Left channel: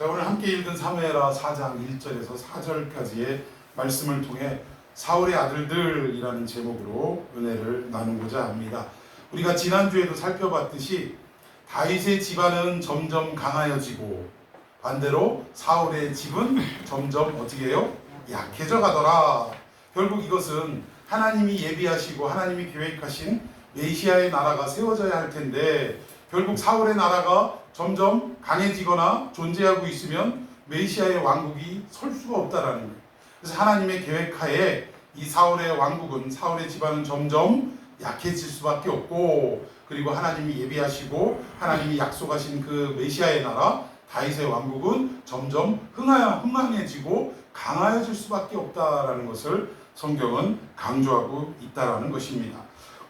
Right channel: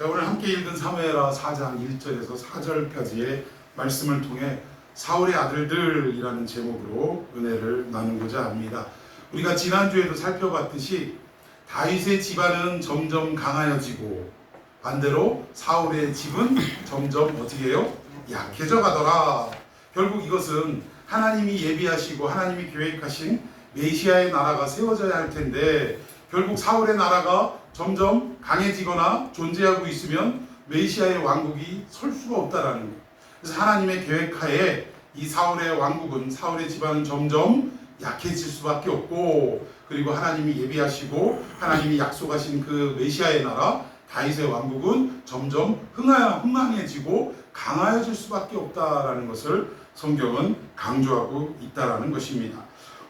자, 오늘 함께 읽은 사무엘하 4장 1절에서 4절까지의 말씀을 통해 사울의 아들들이라는 제목으로 은혜를 나누고자 합니다. 우리가 지난주에도 살펴봤듯이 다윗의 집안은 점점 강하여지고 반대로 사울의 집은 점점 어떻게 해요? 약해져 가더라. 결국 이것은 하나님이 예비하시고 하나님이 계획하신 메시아의 나라가 세워져야 할 텐데 결국 사울의 나라가 점점 강해지거나 존재하고 있으면 메시아의 왕국이 설 수가 없다라는 거예요. 그래서 하나님의 계획하에 이 사울의 왕국은, 사울의 집안은 점점 약해질 수밖에 없고, 그리고 하나님이 예비하시고 하나님이 약속하신 그 메시아의 나라 다윗의 왕국은 점점 흥황해지고 강하여질 수밖에 없다라는 것을 성경은 강조하고 있다라는 것입니다.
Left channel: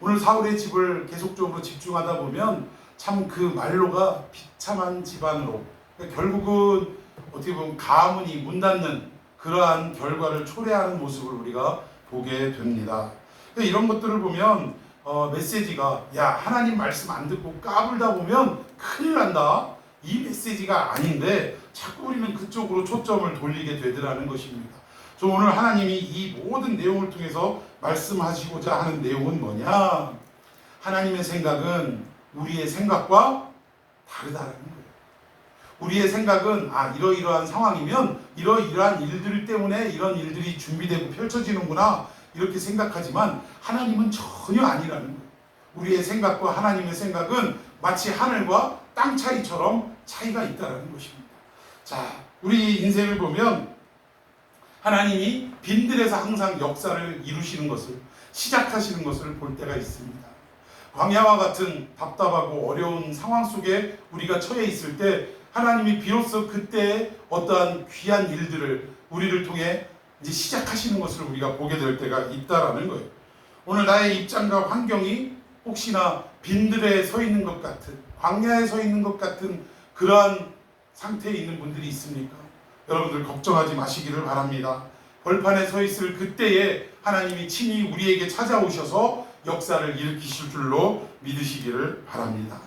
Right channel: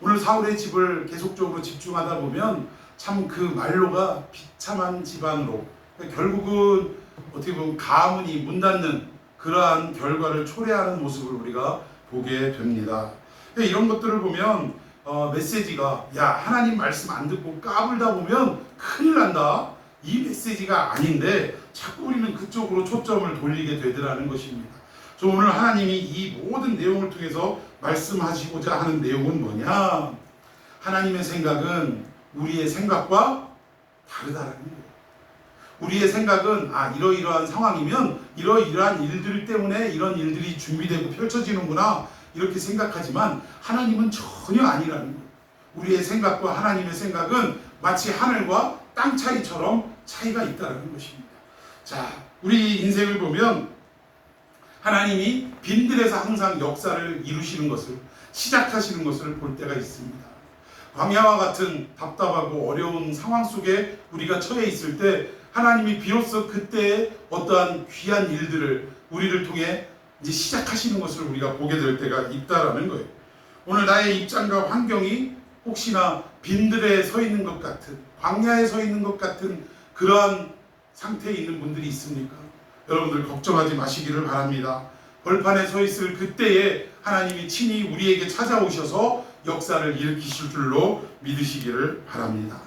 오늘 사울의 집을 계속적으로 집중하다 보면 참 그 말로가 비참한 집안으로, 결국은 어떻게 보면 가문이 문 닫는 그러한 결과를 초래하는 모습을 우리가 보게 됩니다. 이런 것들을 보면 메시지가, 야, 하나님 말씀 안 듣고 까불다 보면 큰일 난다, 이 메시지가 아닌데 자꾸 우리는 그쪽으로 초점을 돌리게 되더라는 것입니다. 저 오늘 하나님이 이 모든 내용을 통해서 말씀하시고자 하는 내용은 뭐냐? 하나님의 생각은 우리의 생각과 다르다는 거예요. 우리의 생각은 이러이러한 상황이면 이러이러한 일들 때문에 이런 일들이 준비되고 펼쳐지는구나 이렇게 생각하지만 하나님은 전혀 아니라는 거예요. 우리의 생각과 하나님의 생각은 마치 하늘과 땅 차이처럼 차이가 있다는 것입니다. 자, 우리 인생을 보면 하나님이 빈들에서 항상 역사를 이루시는 것을, 시작하시는 것을 볼 때가 있습니다. 광야와 같은 답답하고 어려운 상황 속에 우리가 처해 있을 때 하나님이 비로소 그때의 어떠한 귀한 일들을 우리를 통해 이제 시작하시는 것을 우리가 보게 될 때가 있다라는 거예요. 오늘 나의 입장과 환경이 혹시나 빈들에 서 있는 것 같은, 광야에 서 있는 것 같은 그러한 상태에 있는 분들이 있습니까? 여러분들 걱정하지 마시기를 바랍니다. 벌판에 서 있을 그때에 하나님이 친히 우리에게 찾아오셔서 역사를 일으키실 줄로 믿으시기를 바랍니다.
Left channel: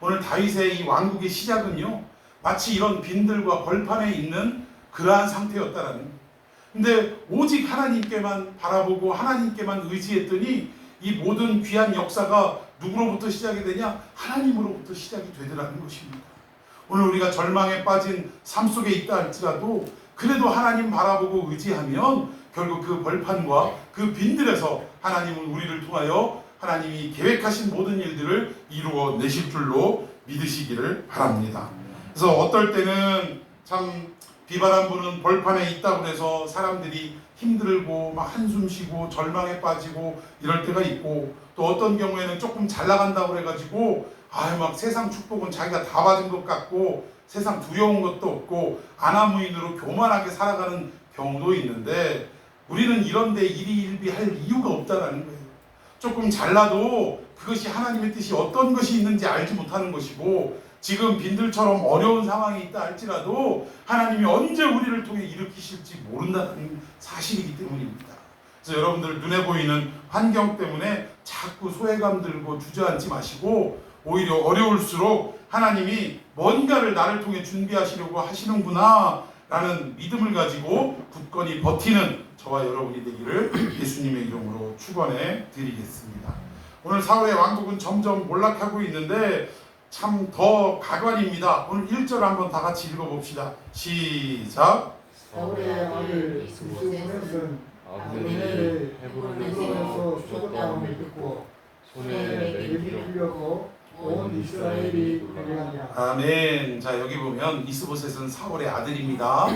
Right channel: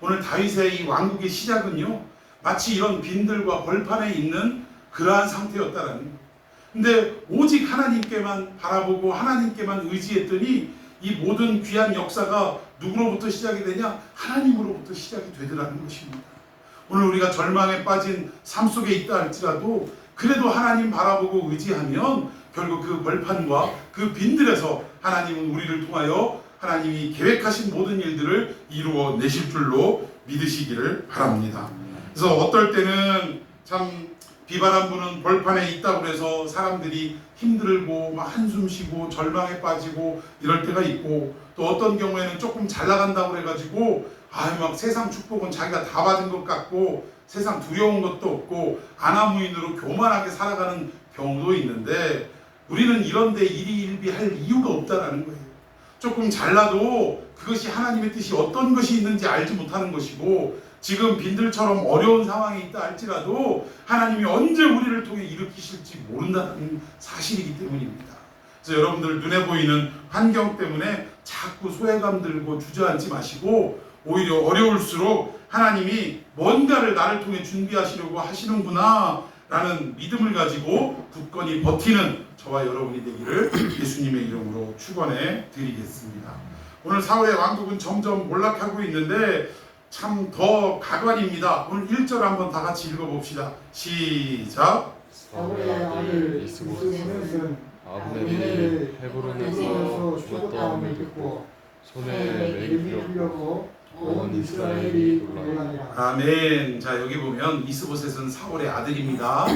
오늘 다윗의 이 왕국의 시작은요, 마치 이런 빈들과 벌판에 있는 그러한 상태였다라는 거예요. 근데 오직 하나님께만 바라보고 하나님께만 의지했더니 이 모든 귀한 역사가 누구로부터 시작이 되냐? 하나님으로부터 시작이 되더라는 것입니다. 오늘 우리가 절망에 빠진 삶 속에 있다 할지라도 그래도 하나님 바라보고 의지하면 결국 그 벌판과 그 빈들에서 하나님은 우리를 통하여 하나님이 계획하신 모든 일들을 이루어 내실 줄로 믿으시기를 바랍니다. 그래서 어떨 때는 참 비바람 부는 벌판에 있다고 해서 사람들이 힘들고 막 한숨 쉬고 절망에 빠지고 이럴 때가 있고, 또 어떤 경우에는 조금 잘 나간다고 해가지고 막 세상 축복은 자기가 다 받은 것 같고 세상 두려운 것도 없고 안하무인으로 교만하게 살아가는 경우도 있는데, 우리는 이런 데 일희일비할 이유가 없다라는 거예요. 조금 잘나도 그것이 하나님의 뜻이 어떤 것이 있는지 알지 못하는 것이고, 지금 빈들처럼 어려운 상황이 있다 할지라도 하나님이 언제 우리를 통해 일으키실지 모른다는 사실이기 때문입니다. 그래서 여러분들 눈에 보이는 환경 때문에 자꾸 소외감 들고 주저앉지 마시고, 오히려 어려울수록 하나님이 뭔가를 나를 통해 준비하시려고 하시는구나 라는 믿음을 가지고 굳건히 버티는 저와 여러분이 되기를 예수님의 이름으로 축원해 드리겠습니다. 오늘 사울의 왕국은 점점 몰락하고 있는데 참 더 가관입니다. 오늘 1절 한번 다 같이 읽어봅시다. 시작. 사울의 아들 이스보셋은 아브넬이 헤브론에서 죽었다함을 듣고 손에 맥이 풀려고 온 이스라엘이 놀라니라. 아멘. 자, 여기 보면 이스보셋은 사울의 아들입니다.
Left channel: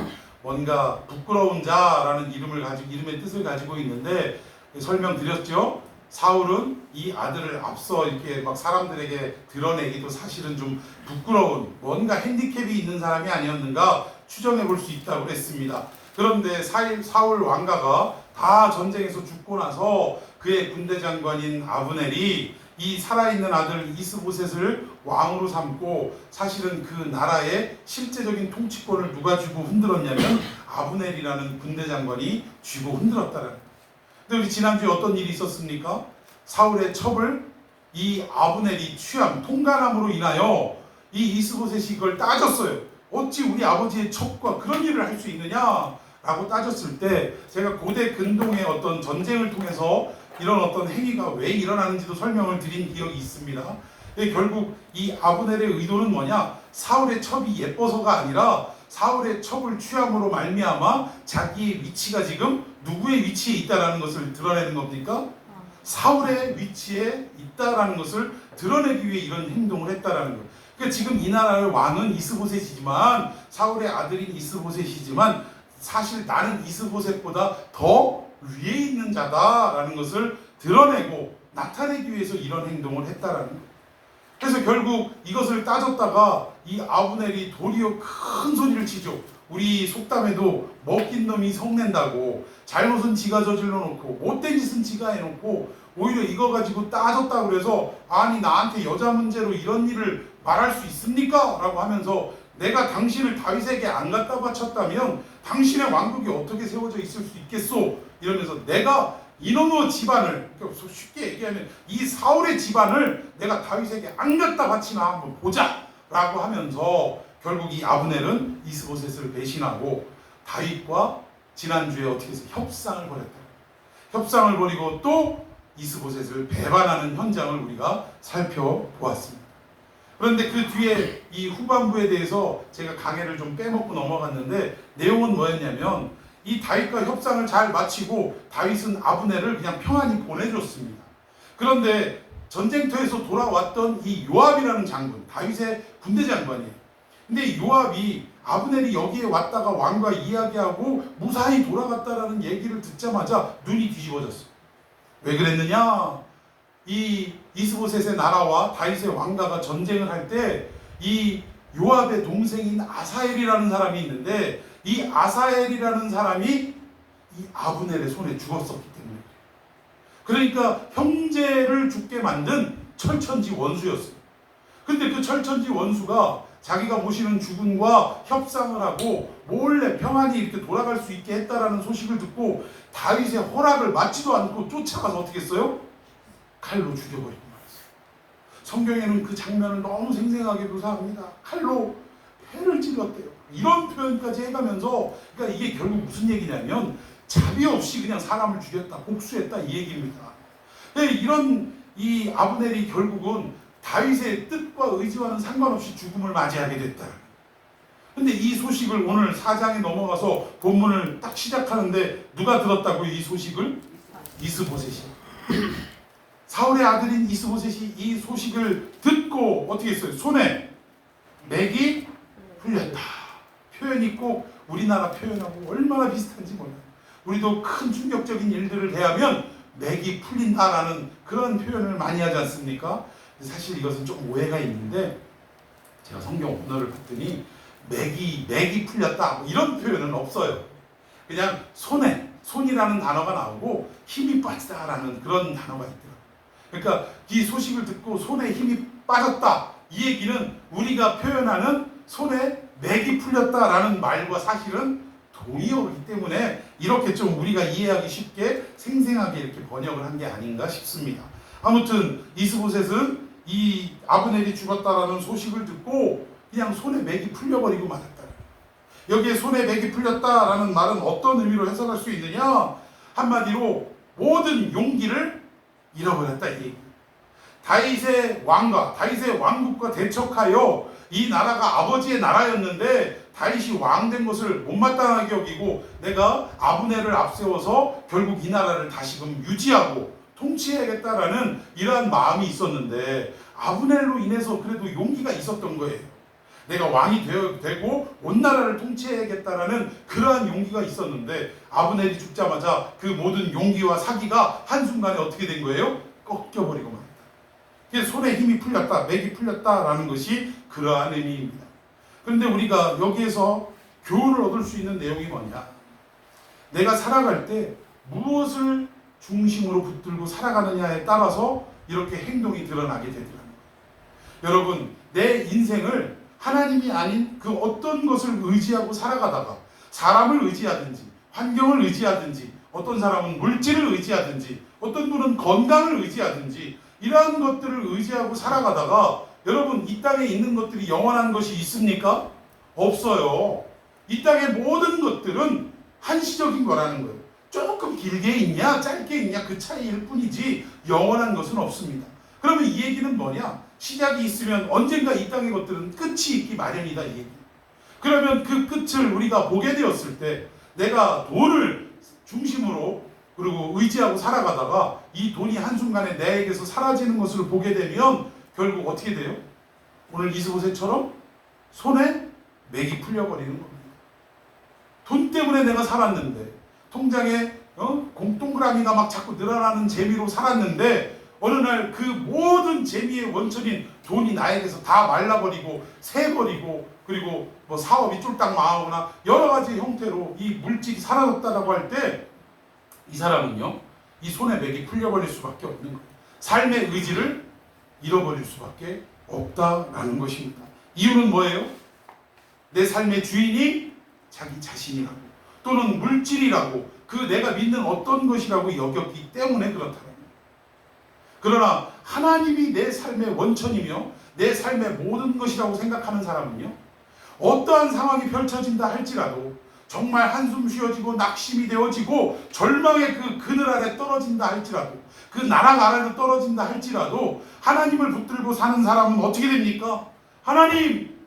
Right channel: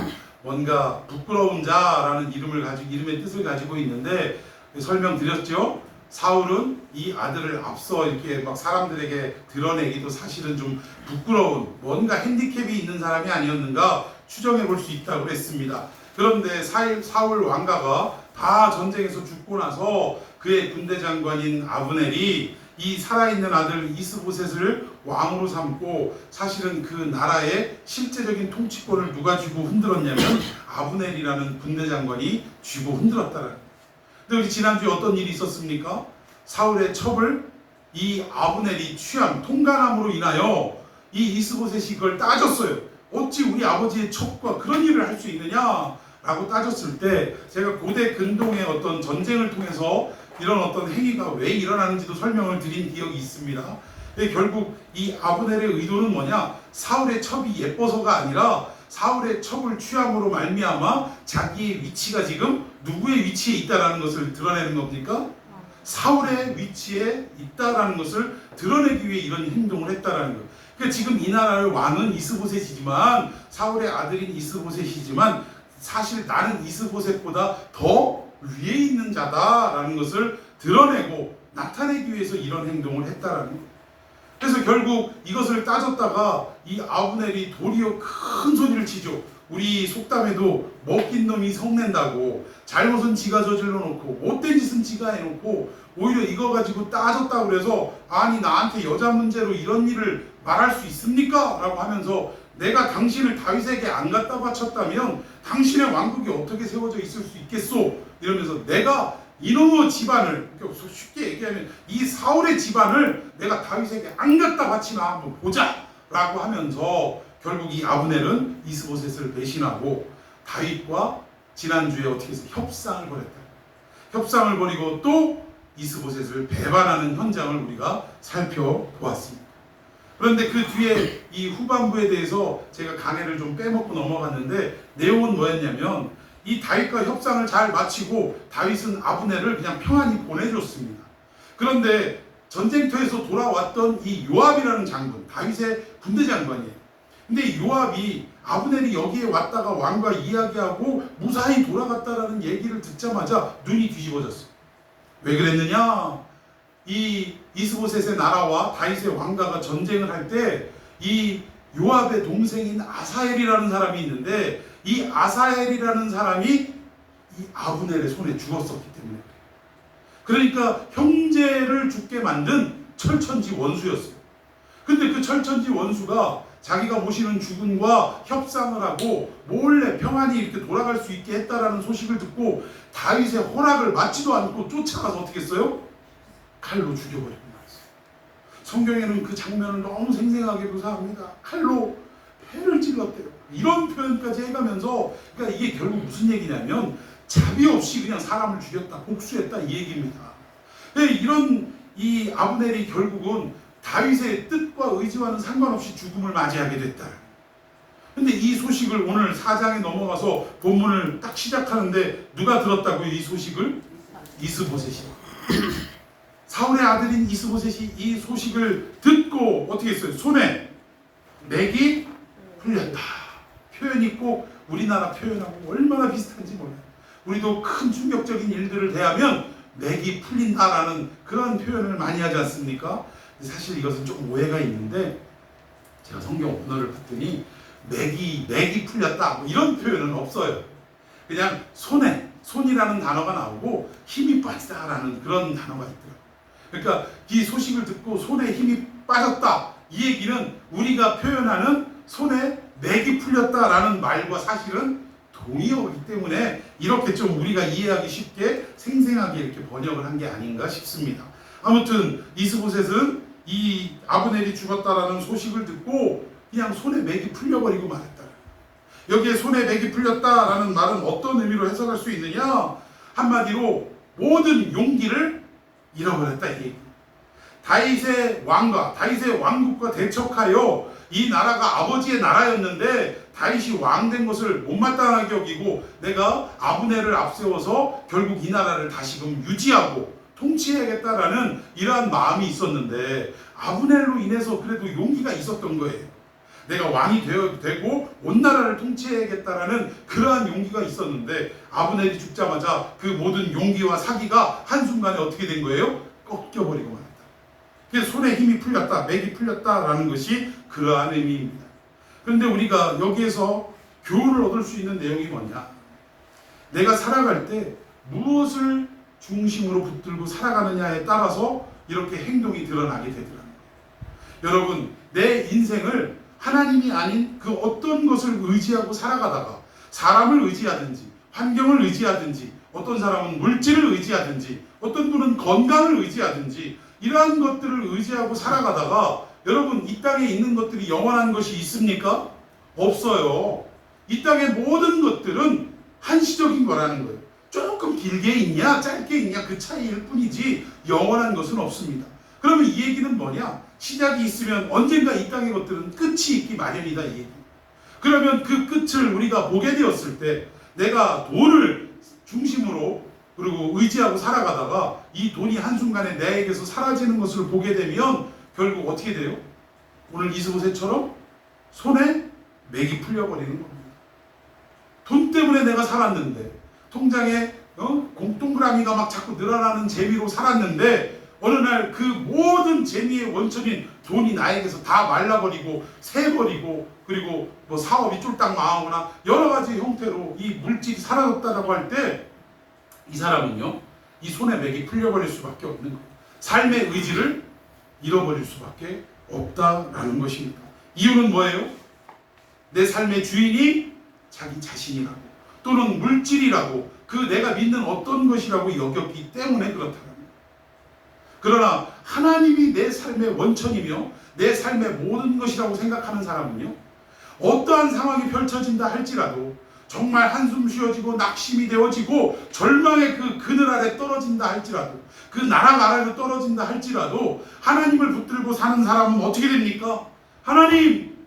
뭔가 부끄러운 자라는 이름의 뜻을 가지고 있는데, 설명드렸죠. 사울은 이 아들을 앞서 이렇게 막 사람들에게 드러내기도 사실은 좀 부끄러운, 뭔가 핸디캡이 있는 사람이 아니었는가 추정해 볼 수 있다고 했습니다. 그런데 사울 왕가가 다 전쟁에서 죽고 나서 그의 군대 장관인 아브넬이 이 살아있는 아들 이스보셋을 왕으로 삼고, 사실은 그 나라의 실제적인 통치권을 누가 쥐고 흔들었냐면 아브넬이라는 군대 장관이 쥐고 흔들었다는 거예요. 근데 우리 지난주에 어떤 일이 있었습니까? 사울의 첩을 이 아브넬이 취한 통간함으로 인하여 이 이스보셋이 그걸 따졌어요. 어찌 우리 아버지의 첩과 그런 일을 할 수 있느냐라고 따졌을 때 제가 고대 근동의 어떤 전쟁을 통해서 이런 어떤 행위가 왜 일어나는지도 설명을 드린 기억이 있습니다. 결국 이 아브넬의 의도는 뭐냐? 사울의 첩이 예뻐서가 아니라 사울의 첩을 취함으로 말미암아 자기의 위치가 지금 누구의 위치에 있다라는 것을 드러내는 겁니까? 사울의 위치에 있다라는 것을 드러내기 위해 이런 행동을 했다라는 거예요. 그러니까 지금 이 나라의 왕은 이스보셋이지만 사울의 아들인 이스보셋이지만 사실 나는 이스보셋보다 더 위에 있는 자다라는 것을 드러내고 나타내기 위해서 이런 행동을 했다라는 거예요. 그래서 결국 이것을 따졌다가 이 아브넬이 도리어 큰 소리를 치죠. 우리 속담에도 먹긴 놈이 성낸다고, 잘못은 지가 저질러 놓고 못된 짓은 지가 해놓고 오히려 이거 가지고 따졌다 그래서 아니 나한테 여자 문제로 이런 일을 말할 수 있습니까? 라고 하면서 내가 당신을 다윗에게 안 갖다 바쳤다면 당신의 왕국이 어떻게 세워져 있을 수 있겠소? 이러면서 내가 이놈의 집안을, 쉽게 얘기하면 이 사울의 집안을 내가 다윗에게 안 갖다 바치나 한번 보자 라고 하면서 결국 이 아브넬은 이스보셋을 배신하고 다윗과 지난주에 어떻게 해서 협상을 벌였다. 협상을 벌이고 또 이스보셋을 배반하는 현장을 우리가 살펴보았습니다. 그런데 그 뒤에 이 후반부에 대해서 제가 강해를 좀 빼먹고 넘어갔는데 내용은 뭐였냐면 이 다윗과 협상을 잘 마치고 다윗은 아브넬을 그냥 평안히 보내줬습니다. 그런데 전쟁터에서 돌아왔던 이 요압이라는 장군, 다윗의 군대 장관이에요. 근데 요압이 아브넬이 여기에 왔다가 왕과 이야기하고 무사히 돌아갔다라는 얘기를 듣자마자 눈이 뒤집어졌어요. 왜 그랬느냐? 이 이스보셋의 나라와 다윗의 왕가가 전쟁을 할 때 이 요압의 동생인 아사엘이라는 사람이 있는데 이 아사엘이라는 사람이 이 아브넬의 손에 죽었었기 때문에 그러니까 형제를 죽게 만든 철천지 원수였어요. 근데 그 철천지 원수가 자기가 모시는 주군과 협상을 하고 몰래 평안히 이렇게 돌아갈 수 있게 했다라는 소식을 듣고 다윗의 허락을 받지도 않고 쫓아가서 어떻게 했어요? 칼로 죽여버리고 말았어요. 성경에는 그 장면을 너무 생생하게 묘사합니다. 칼로 배를 찔렀대요. 이런 표현까지 해가면서 그러니까 이게 결국 무슨 얘기냐면 자비 없이 그냥 사람을 죽였다, 복수했다 이 얘기입니다. 이런 이 아브넬이 결국은 다윗의 뜻과 의지와는 상관없이 죽음을 맞이하게 됐다. 근데 이 소식을 오늘 4장에 넘어가서 본문을 딱 시작하는데 누가 들었다고요? 이 소식을? 이스보셋이. 사울의 아들인 이스보셋이 이 소식을 듣고 어떻게 했어요? 손에 맥이 풀렸다. 표현이 꼭 우리나라 표현하고 얼마나 비슷한지 몰라요. 우리도 큰 충격적인 일들을 대하면 맥이 풀린다라는 그런 표현을 많이 하지 않습니까? 사실 이것은 조금 오해가 있는데 제가 성경 언어를 봤더니 맥이 풀렸다 뭐 이런 표현은 없어요. 그냥 손이라는 단어가 나오고 힘이 빠지다라는 그런 단어가 있고요. 그러니까 이 소식을 듣고 손에 힘이 빠졌다 이 얘기는 우리가 표현하는 손에 맥이 풀렸다라는 말과 사실은 동의어이기 때문에 이렇게 좀 우리가 이해하기 쉽게 생생하게 이렇게 번역을 한 게 아닌가 싶습니다. 아무튼 이스보셋은 이 아브넬이 죽었다라는 소식을 듣고 그냥 손에 맥이 풀려버리고 말았다. 여기에 손에 맥이 풀렸다라는 말은 어떤 의미로 해석할 수 있느냐? 한마디로 모든 용기를 잃어버렸다 이 얘기. 다윗의 왕과 다윗의 왕국과 대척하여 이 나라가 아버지의 나라였는데 다윗이 왕된 것을 못마땅하게 여기고 내가 아브넬을 앞세워서 결국 이 나라를 다시금 유지하고 통치해야겠다라는 이러한 마음이 있었는데 아브넬로 인해서 그래도 용기가 있었던 거예요. 내가 왕이 되고 온 나라를 통치해야겠다라는 그러한 용기가 있었는데 아브넬이 죽자마자 그 모든 용기와 사기가 한순간에 어떻게 된 거예요? 꺾여버리고 말았다. 그래서 손에 힘이 풀렸다, 맥이 풀렸다라는 것이 그러한 의미입니다. 그런데 우리가 여기에서 교훈을 얻을 수 있는 내용이 뭐냐? 내가 살아갈 때 무엇을 중심으로 붙들고 살아가느냐에 따라서 이렇게 행동이 드러나게 되더라고요. 여러분, 내 인생을 하나님이 아닌 그 어떤 것을 의지하고 살아가다가 사람을 의지하든지 환경을 의지하든지 어떤 사람은 물질을 의지하든지 어떤 분은 건강을 의지하든지 이러한 것들을 의지하고 살아가다가 여러분 이 땅에 있는 것들이 영원한 것이 있습니까? 없어요. 이 땅의 모든 것들은 한시적인 거라는 거예요. 조금 길게 있냐 짧게 있냐 그 차이일 뿐이지 영원한 것은 없습니다. 그러면 이 얘기는 뭐냐? 시작이 있으면 언젠가 이 땅의 것들은 끝이 있기 마련이다 이 얘기예요. 그러면 그 끝을 우리가 보게 되었을 때 내가 돈을 중심으로 그리고 의지하고 살아가다가 이 돈이 한순간에 내게서 사라지는 것을 보게 되면 결국 어떻게 돼요? 오늘 이스보셋처럼 손에 맥이 풀려버리는 겁니다. 돈 때문에 내가 살았는데 통장에 동그라미가 막 자꾸 늘어나는 재미로 살았는데 어느 날 그 모든 재미의 원천인 돈이 나에게서 다 말라버리고 새버리고 그리고 뭐 사업이 쫄딱 망하거나 여러 가지 형태로 이 물질이 사라졌다라고 할 때 이 사람은요 이 손에 맥이 풀려버릴 수밖에 없는 거예요. 삶의 의지를 잃어버릴 수밖에 없다라는 것입니다. 이유는 뭐예요? 내 삶의 주인이 자기 자신이라고 또는 물질이라고 그 내가 믿는 어떤 것이라고 여겼기 때문에 그렇다는 거예요. 그러나 하나님이 내 삶의 원천이며 내 삶의 모든 것이라고 생각하는 사람은요 어떠한 상황이 펼쳐진다 할지라도 정말 한숨 쉬어지고 낙심이 되어지고 절망의 그 그늘 아래 떨어진다 할지라도 그 나락 아래로 떨어진다 할지라도 하나님을 붙들고 사는 사람은 어떻게 됩니까? 하나님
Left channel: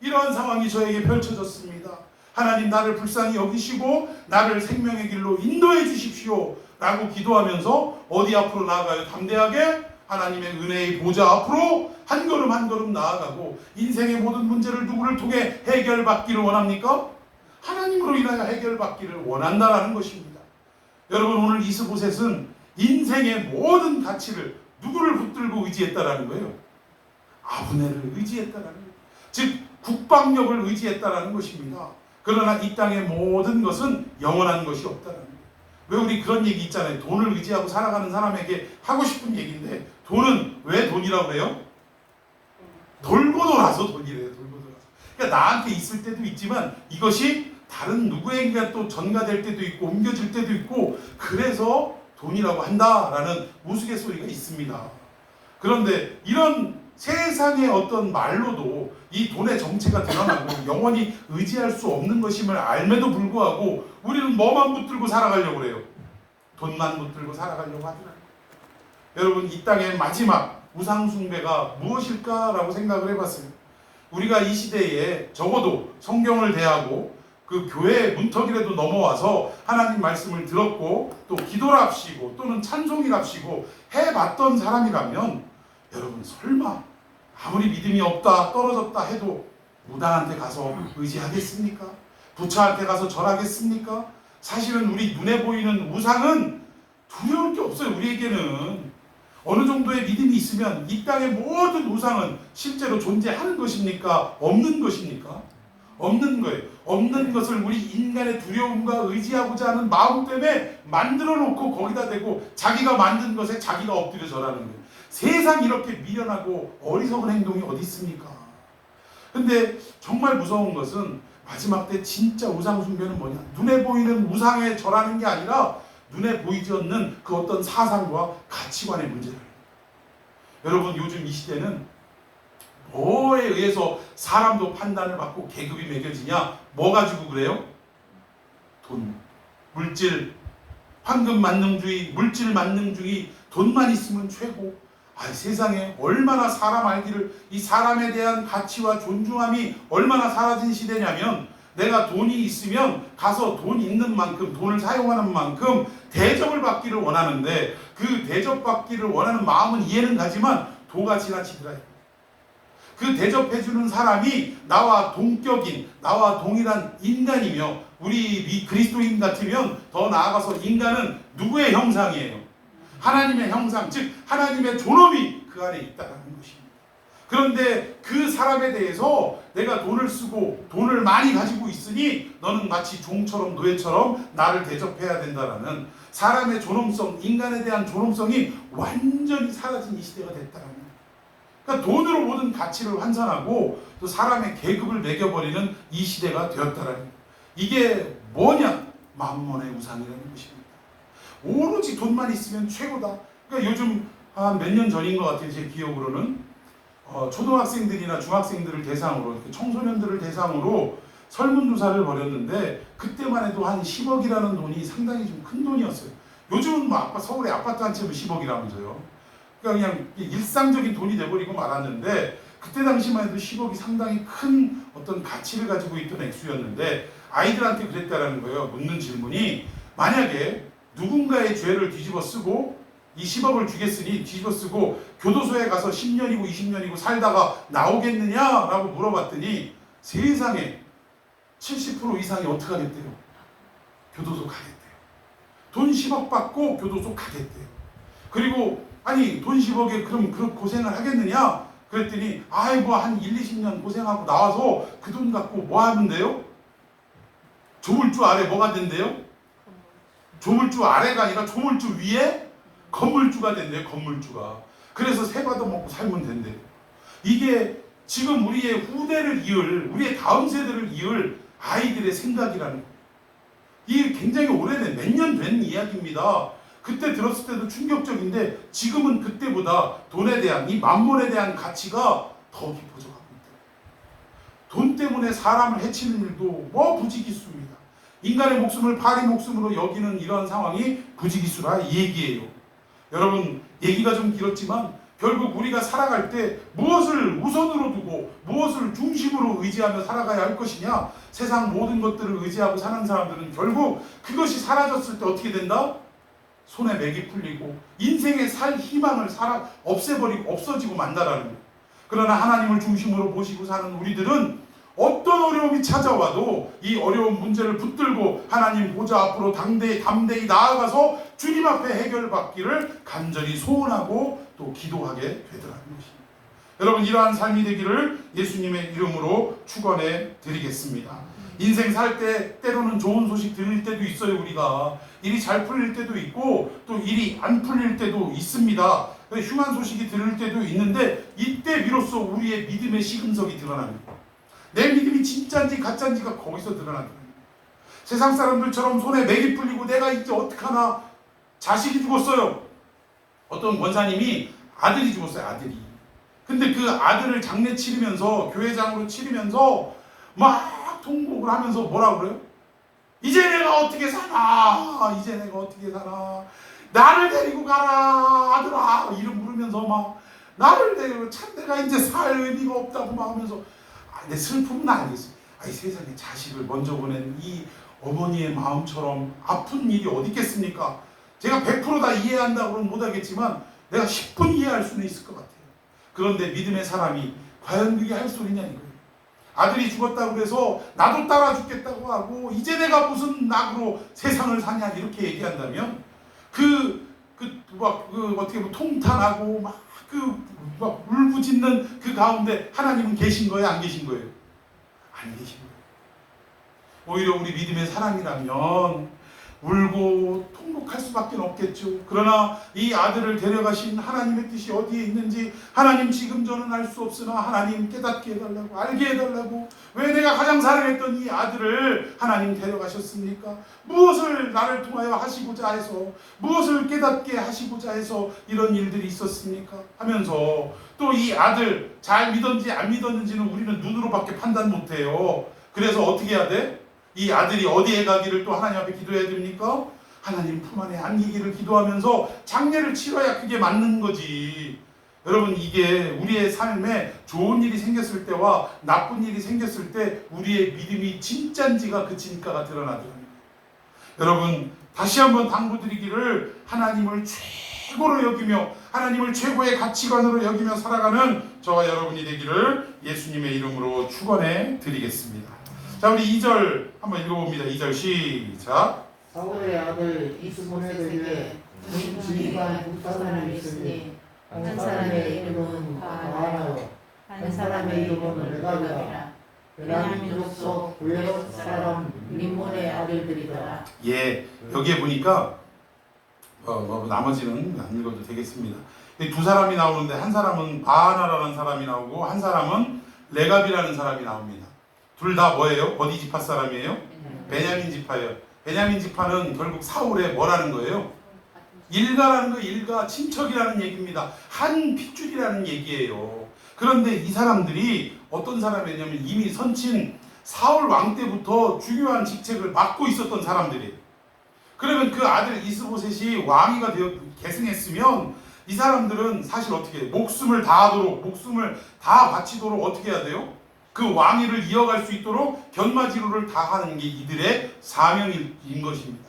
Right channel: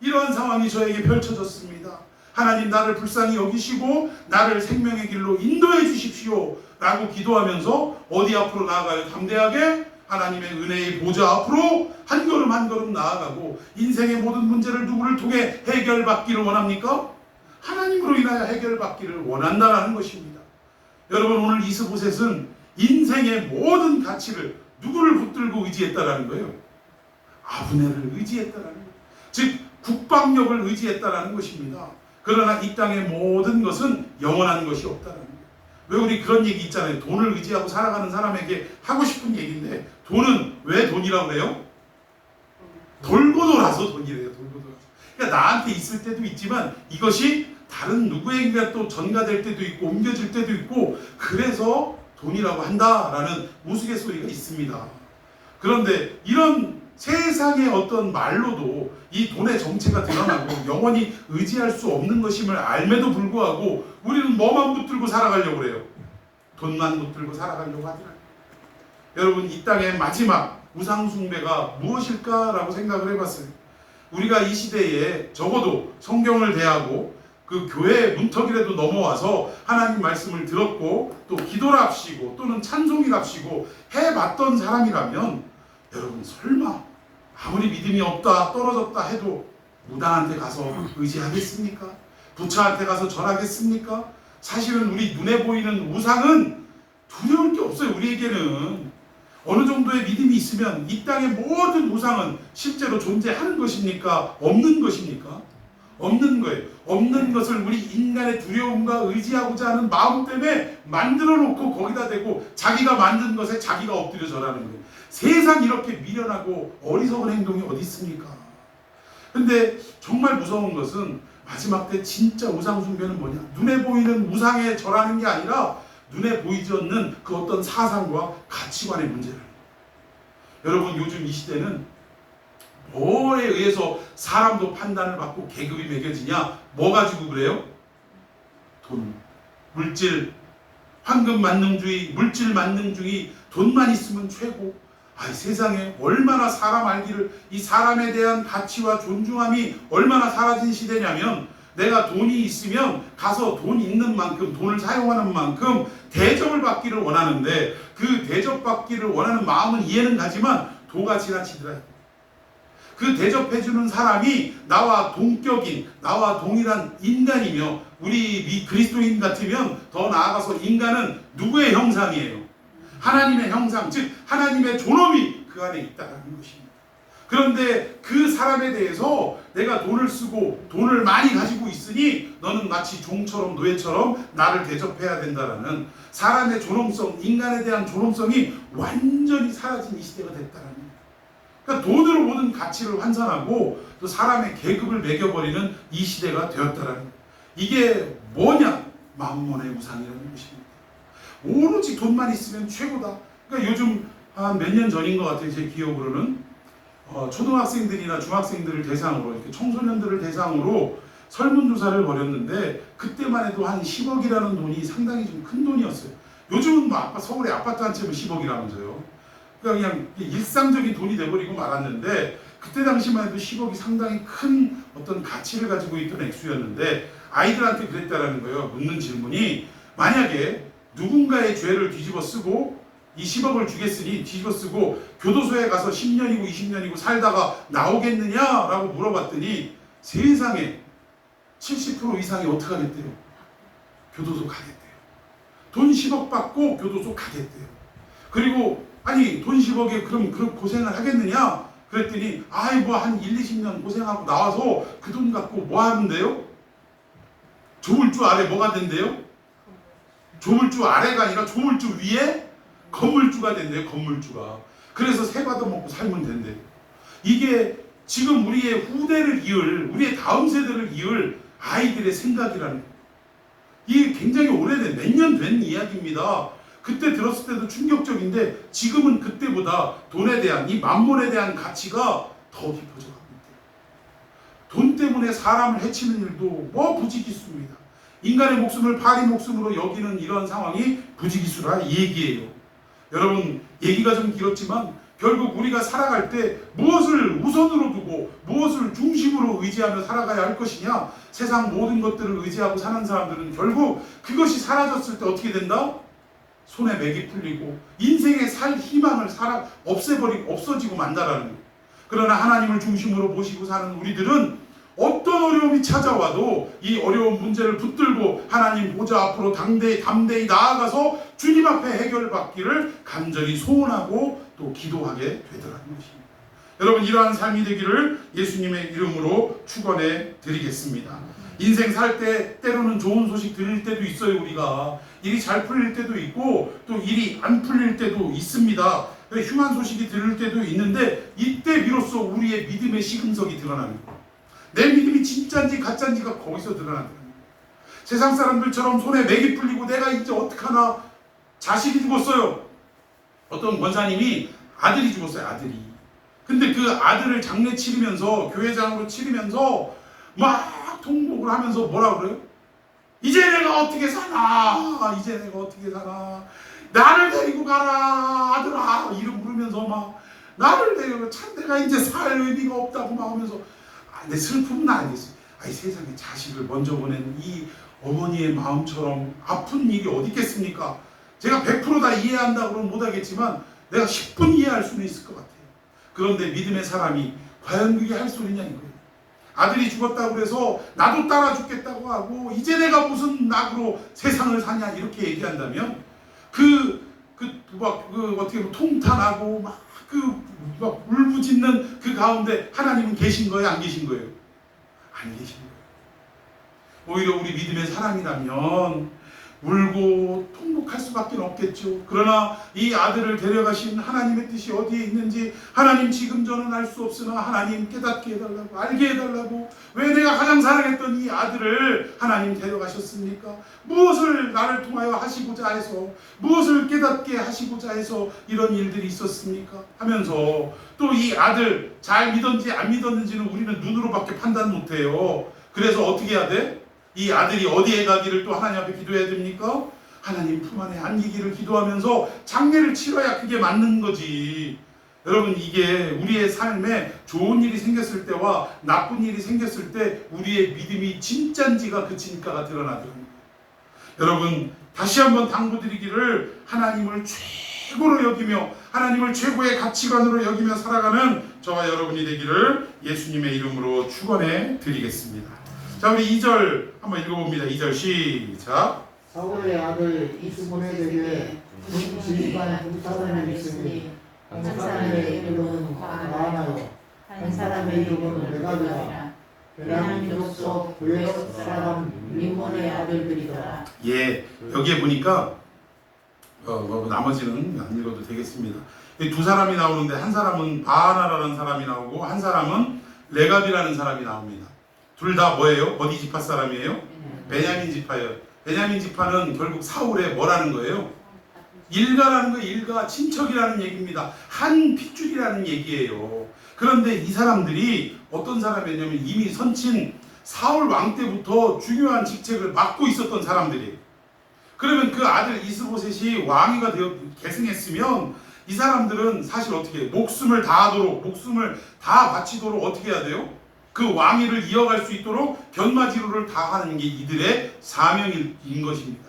이러한 상황이 저에게 펼쳐졌습니다. 하나님 나를 불쌍히 여기시고 나를 생명의 길로 인도해 주십시오 라고 기도하면서 어디 앞으로 나아가요? 담대하게 하나님의 은혜의 보좌 앞으로 한 걸음 한 걸음 나아가고 인생의 모든 문제를 누구를 통해 해결받기를 원합니까? 하나님으로 인하여 해결받기를 원한다는 것입니다. 여러분 오늘 이스보셋은 인생의 모든 가치를 누구를 붙들고 의지했다라는 거예요? 아브넬을 의지했다라는 거예요. 즉 국방력을 의지했다라는 것입니다. 그러나 이 땅의 모든 것은 영원한 것이 없다라는 거예요. 왜 우리 그런 얘기 있잖아요. 돈을 의지하고 살아가는 사람에게 하고 싶은 얘기인데 돈은 왜 돈이라고 해요? 돌고 돌아서 돈이래요. 돌고 돌아서. 그러니까 나한테 있을 때도 있지만 이것이 다른 누구에게 또 전가될 때도 있고 옮겨질 때도 있고 그래서 돈이라고 한다라는 우스갯소리가 있습니다. 그런데 이런 세상의 어떤 말로도 이 돈의 정체가 드러나고 영원히 의지할 수 없는 것임을 알매도 불구하고 우리는 뭐만 붙들고 살아가려고 그래요? 돈만 붙들고 살아가려고 하더라고요. 여러분 이 땅의 마지막 우상숭배가 무엇일까라고 생각을 해봤어요. 우리가 이 시대에 적어도 성경을 대하고 그 교회 문턱이라도 넘어와서 하나님 말씀을 들었고 또 기도랍시고 또는 찬송이랍시고 해봤던 사람이라면 여러분 설마 아무리 믿음이 없다 떨어졌다 해도 무당한테 가서 의지하겠습니까? 부처한테 가서 절하겠습니까? 사실은 우리 눈에 보이는 우상은 두려울 게 없어요. 우리에게는 어느 정도의 믿음이 있으면 이 땅의 모든 우상은 실제로 존재하는 것입니까? 없는 것입니까? 없는 거예요. 없는 것을 우리 인간의 두려움과 의지하고자 하는 마음 때문에 만들어 놓고 거기다 대고 자기가 만든 것에 자기가 엎드려 절하는 거예요. 세상 이렇게 미련하고 어리석은 행동이 어디 있습니까? 근데 정말 무서운 것은 마지막 때 진짜 우상 숭배는 뭐냐? 눈에 보이는 우상에 절하는 게 아니라 눈에 보이지 않는 그 어떤 사상과 가치관의 문제를. 여러분 요즘 이 시대는 뭐에 의해서 사람도 판단을 받고 계급이 매겨지냐? 뭐 가지고 그래요? 돈, 물질, 황금 만능주의, 물질 만능주의, 돈만 있으면 최고. 세상에 얼마나 사람 알기를 이 사람에 대한 가치와 존중함이 얼마나 사라진 시대냐면 내가 돈이 있으면 가서 돈 있는 만큼 돈을 사용하는 만큼 대접을 받기를 원하는데 그 대접받기를 원하는 마음은 이해는 가지만 도가 지나치더라. 그 대접해주는 사람이 나와 동격인 나와 동일한 인간이며 우리 그리스도인 같으면 더 나아가서 인간은 누구의 형상이에요? 하나님의 형상, 즉 하나님의 존엄이 그 안에 있다는 것입니다. 그런데 그 사람에 대해서 내가 돈을 쓰고 돈을 많이 가지고 있으니 너는 마치 종처럼 노예처럼 나를 대접해야 된다라는 사람의 존엄성, 인간에 대한 존엄성이 완전히 사라진 이 시대가 됐다는 거예요. 그러니까 돈으로 모든 가치를 환산하고 또 사람의 계급을 매겨버리는 이 시대가 되었다라는 거예요. 이게 뭐냐? 만몬의 우상이라는 것입니다. 오로지 돈만 있으면 최고다. 그러니까 요즘 한 몇 년 전인 것 같아요. 제 기억으로는 초등학생들이나 중학생들을 대상으로 이렇게 청소년들을 대상으로 설문조사를 벌였는데 그때만 해도 한 10억이라는 돈이 상당히 좀 큰 돈이었어요. 요즘은 뭐 서울에 아파트 한 채면 10억이라면서요. 그러니까 그냥 일상적인 돈이 돼버리고 말았는데 그때 당시만 해도 10억이 상당히 큰 어떤 가치를 가지고 있던 액수였는데 아이들한테 그랬다라는 거예요. 묻는 질문이 만약에 누군가의 죄를 뒤집어 쓰고 이 10억을 주겠으니 뒤집어 쓰고 교도소에 가서 10년이고 20년이고 살다가 나오겠느냐라고 물어봤더니 세상에 70% 이상이 어떻게 하겠대요? 교도소 가겠대요. 돈 10억 받고 교도소 가겠대요. 그리고 아니 돈 10억에 그럼 그런 고생을 하겠느냐? 그랬더니 아이 뭐 한 1, 20년 고생하고 나와서 그 돈 갖고 뭐 하는데요? 조물주 아래 뭐가 된대요? 조물주 아래가 아니라 조물주 위에 건물주가 된대요. 건물주가. 그래서 세 받아먹고 살면 된대요. 이게 지금 우리의 후대를 이을 우리의 다음 세대를 이을 아이들의 생각이라는 거예요. 이게 굉장히 오래된 몇 년 된 이야기입니다. 그때 들었을 때도 충격적인데 지금은 그때보다 돈에 대한 이 만몬에 대한 가치가 더 깊어져 가고 있대요. 돈 때문에 사람을 해치는 일도 뭐 부지기수입니다. 인간의 목숨을 파리 목숨으로 여기는 이런 상황이 부지기수라 이 얘기예요. 여러분 얘기가 좀 길었지만 결국 우리가 살아갈 때 무엇을 우선으로 두고 무엇을 중심으로 의지하며 살아가야 할 것이냐. 세상 모든 것들을 의지하고 사는 사람들은 결국 그것이 사라졌을 때 어떻게 된다? 손에 맥이 풀리고 인생의 살 희망을 없애버리고 없어지고 만다라는 거예요. 그러나 하나님을 중심으로 모시고 사는 우리들은 어떤 어려움이 찾아와도 이 어려운 문제를 붙들고 하나님 보좌 앞으로 담대히 나아가서 주님 앞에 해결받기를 간절히 소원하고 또 기도하게 되더라는 것입니다. 여러분 이러한 삶이 되기를 예수님의 이름으로 축원해 드리겠습니다. 인생 살 때 때로는 좋은 소식 들릴 때도 있어요. 우리가 일이 잘 풀릴 때도 있고 또 일이 안 풀릴 때도 있습니다. 흉한 소식이 들릴 때도 있는데 이때 비로소 우리의 믿음의 시금석이 드러납니다. 내 믿음이 진짜인지 가짜인지가 거기서 드러나더라고요. 세상 사람들처럼 손에 맥이 풀리고 내가 이제 어떡하나. 자식이 죽었어요. 어떤 권사님이 아들이 죽었어요. 아들이. 근데 그 아들을 장례 치르면서 교회장으로 치르면서 막 통곡을 하면서 뭐라 그래요? 이제 내가 어떻게 사나. 이제 내가 어떻게 사나. 나를 데리고 가라 아들아. 이름 부르면서 막 나를 데리고 참 내가 이제 살 의미가 없다고 막 하면서 내 슬픔은 알겠어요. 아니 세상에 자식을 먼저 보낸 이 어머니의 마음처럼 아픈 일이 어디 있겠습니까? 제가 100% 다 이해한다고 는 못하겠지만 내가 10분 이해할 수는 있을 것 같아요. 그런데 믿음의 사람이 과연 그게 할 소리냐 이거예요. 아들이 죽었다고 해서 나도 따라 죽겠다고 하고 이제 내가 무슨 낙으로 세상을 사냐 이렇게 얘기한다면 어떻게 보면 통탄하고 막 울부짖는 그 가운데 하나님은 계신 거예요? 안 계신 거예요? 안 계신 거예요. 오히려 우리 믿음의 사람이라면 울고 통곡할 수밖에 없겠죠. 그러나 이 아들을 데려가신 하나님의 뜻이 어디에 있는지 하나님 지금 저는 알 수 없으나 하나님 깨닫게 해달라고 알게 해달라고. 왜 내가 가장 사랑했던 이 아들을 하나님 데려가셨습니까? 무엇을 나를 통하여 하시고자 해서 무엇을 깨닫게 하시고자 해서 이런 일들이 있었습니까? 하면서 또 이 아들 잘 믿었는지 안 믿었는지는 우리는 눈으로밖에 판단 못해요. 그래서 어떻게 해야 돼? 이 아들이 어디에 가기를 또 하나님 앞에 기도해야 됩니까? 하나님 품 안에 안기기를 기도하면서 장례를 치러야 그게 맞는 거지. 여러분 이게 우리의 삶에 좋은 일이 생겼을 때와 나쁜 일이 생겼을 때 우리의 믿음이 진짠지가 그치니까가 드러나더랍니다. 여러분 다시 한번 당부드리기를 하나님을 최고로 여기며 하나님을 최고의 가치관으로 여기며 살아가는 저와 여러분이 되기를 예수님의 이름으로 축원해 드리겠습니다. 자 우리 2절 한번 읽어봅니다. 2절 시작. 사울의 아들 이스보엘에게 지휘관 두 사람이 있으니 한 사람의 이름은 바하나요 한 사람의 이름은 레갑이라. 베냐민 족속 블레셋 사람 림몬의 아들들이다. 예, 여기에 보니까 나머지는 안 읽어도 되겠습니다. 두 사람이 나오는데 한 사람은 바하나라는 사람이 나오고 한 사람은 레갑이라는 사람이 나옵니다. 둘 다 뭐예요? 어디 지파 사람이에요? 베냐민 지파예요. 베냐민 지파는 결국 사울의 뭐라는 거예요? 일가라는 거예요. 일가, 친척이라는 얘기입니다. 한 핏줄이라는 얘기예요. 그런데 이 사람들이 어떤 사람이냐면 이미 선친 사울 왕 때부터 중요한 직책을 맡고 있었던 사람들이. 그러면 그 아들 이스보셋이 왕위가 되어 계승했으면 이 사람들은 사실 어떻게 해요? 목숨을 다 바치도록 어떻게 해야 돼요? 그 왕위를 이어갈 수 있도록 견마지로를 다 하는 게 이들의 사명인 것입니다.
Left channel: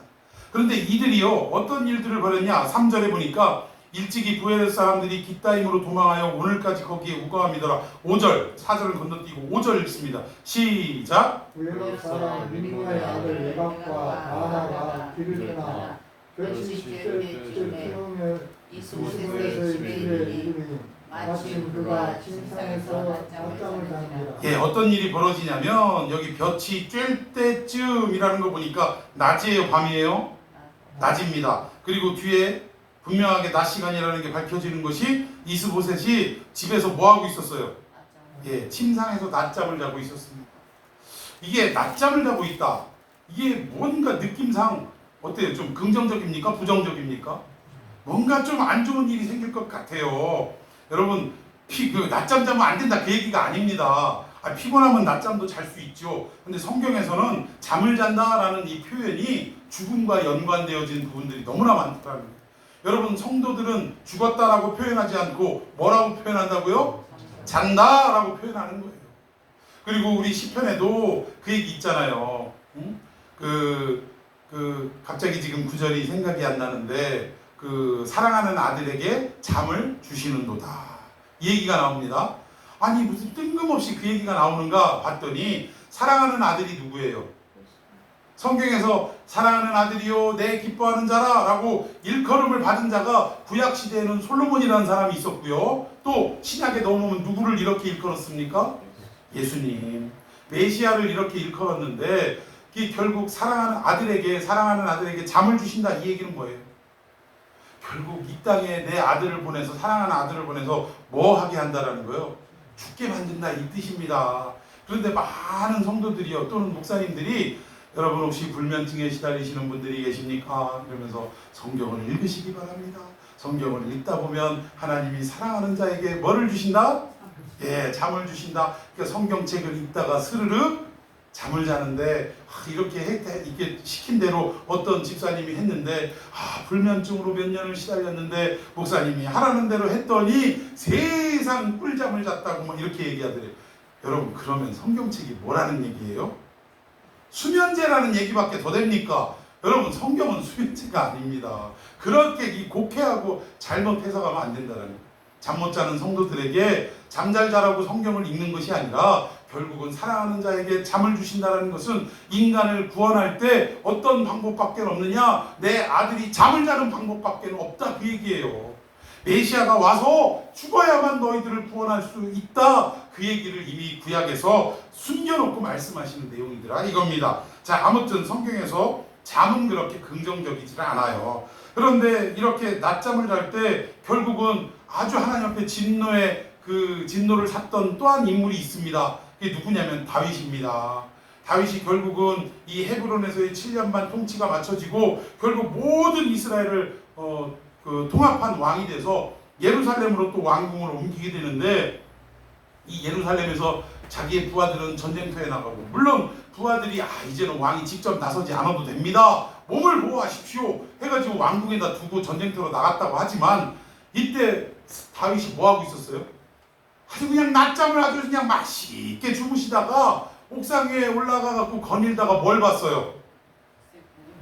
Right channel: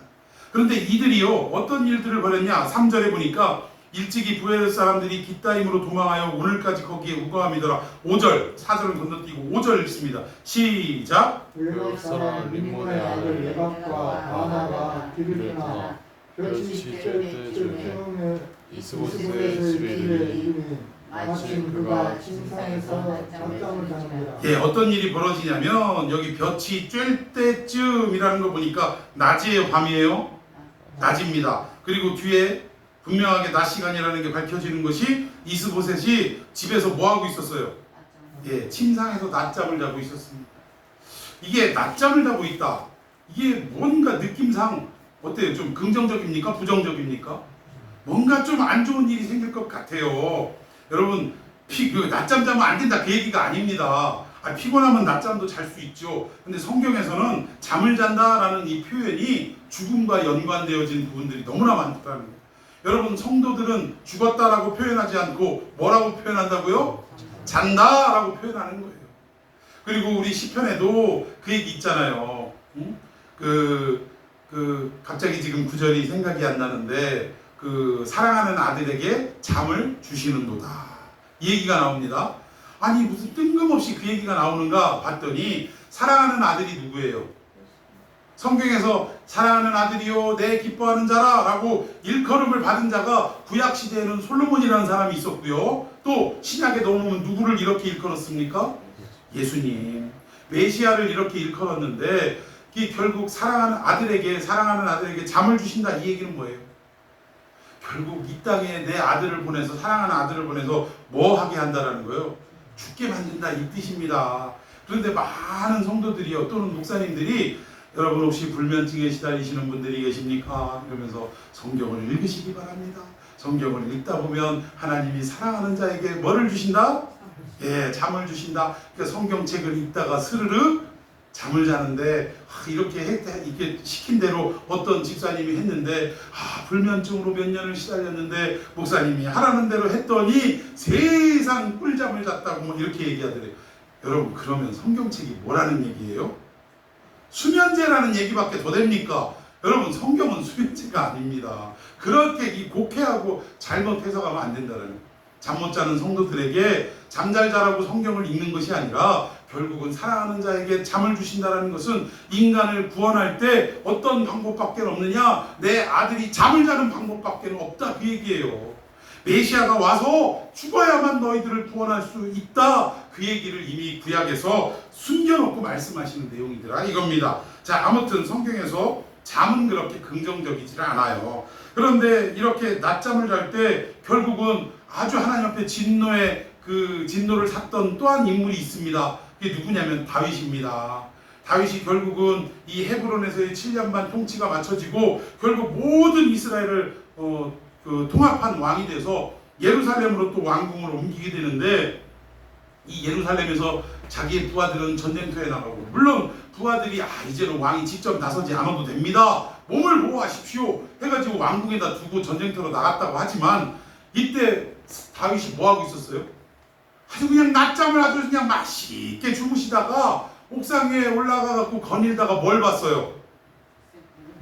그런데 이들이요 어떤 일들을 벌였냐? 3절에 보니까 일찍이 부엘의 사람들이 깃다임으로 도망하여 오늘까지 거기에 우거함이더라. 5절 4절을 건너뛰고 5절 읽습니다. 시작. 부엘의 사람 림문의 아들 레갑과 바나가 길을 떠나 볕이 찔 태움에 이스보셋의 집에 이르니 마침 그가 침상에서 낮잠을 자는지라. 예, 어떤 일이 벌어지냐면 여기 볕이 쬐 때쯤이라는 거 보니까 낮이에요, 밤이에요? 낮입니다. 그리고 뒤에 분명하게 낮 시간이라는 게 밝혀지는 것이 이스보셋이 집에서 뭐 하고 있었어요? 예, 침상에서 낮잠을 자고 있었습니다. 이게 낮잠을 자고 있다. 이게 뭔가 느낌상 어때요? 좀 긍정적입니까? 부정적입니까? 뭔가 좀 안 좋은 일이 생길 것 같아요. 여러분, 낮잠 자면 안 된다 그 얘기가 아닙니다. 피곤하면 낮잠도 잘 수 있죠. 근데 성경에서는 잠을 잔다라는 이 표현이 죽음과 연관되어진 부분들이 너무나 많다는 거예요. 여러분, 성도들은 죽었다라고 표현하지 않고 뭐라고 표현한다고요? 잔다라고 표현하는 거예요. 그리고 우리 시편에도 그 얘기 있잖아요. 갑자기 지금 구절이 생각이 안 나는데 사랑하는 아들에게 잠을 주시는도다. 이 얘기가 나옵니다. 아니 무슨 뜬금없이 그 얘기가 나오는가 봤더니 사랑하는 아들이 누구예요? 성경에서 사랑하는 아들이요 내 기뻐하는 자라 라고 일컬음을 받은 자가 구약시대에는 솔로몬이라는 사람이 있었고요. 또 신약에 넘어오면 누구를 이렇게 일컬었습니까? 예수님. 메시아를 이렇게 일컬었는데 결국 사랑하는 아들에게 잠을 주신다 이 얘기는 뭐예요? 결국 이 땅에 내 아들을 보내서 사랑하는 아들을 보내서 뭐 하게 한다라는 거예요? 죽게 만든다 이 뜻입니다. 그런데 많은 성도들이요 또는 목사님들이 여러분 혹시 불면증에 시달리시는 분들이 계십니까? 이러면서 성경을 읽으시기 바랍니다. 성경을 읽다 보면 하나님이 사랑하는 자에게 뭐를 주신다? 예, 잠을 주신다. 그러니까 성경책을 읽다가 스르륵 잠을 자는데 이렇게 시킨 대로 어떤 집사님이 했는데 불면증으로 몇 년을 시달렸는데 목사님이 하라는 대로 했더니 세상 꿀잠을 잤다고 뭐 이렇게 얘기하더래요. 여러분 그러면 성경책이 뭐라는 얘기예요? 수면제라는 얘기밖에 더 됩니까? 여러분 성경은 수면제가 아닙니다. 그렇게 곡해하고 잘못 해석하면 안 된다는 거예요. 잠 못 자는 성도들에게 잠잘 자라고 성경을 읽는 것이 아니라 결국은 사랑하는 자에게 잠을 주신다는 것은 인간을 구원할 때 어떤 방법밖에 없느냐? 내 아들이 잠을 자는 방법밖에 없다 그 얘기예요. 메시아가 와서 죽어야만 너희들을 구원할 수 있다 그 얘기를 이미 구약에서 숨겨놓고 말씀하시는 내용이더라 이겁니다. 자, 아무튼 성경에서 잠은 그렇게 긍정적이지 않아요. 그런데 이렇게 낮잠을 잘 때 결국은 아주 하나님 앞에 진노를 샀던 또한 인물이 있습니다. 그게 누구냐면 다윗입니다. 다윗이 결국은 이 헤브론에서의 7년 반 통치가 마쳐지고 결국 모든 이스라엘을 통합한 왕이 돼서 예루살렘으로 또 왕궁으로 옮기게 되는데 이 예루살렘에서 자기의 부하들은 전쟁터에 나가고 물론 부하들이 이제는 왕이 직접 나서지 않아도 됩니다. 몸을 보호하십시오 해가지고 왕궁에다 두고 전쟁터로 나갔다고 하지만 이때 다윗이 뭐하고 있었어요? 아주 그냥 낮잠을 아주 그냥 맛있게 주무시다가 옥상 위에 올라가갖고 거닐다가 뭘 봤어요?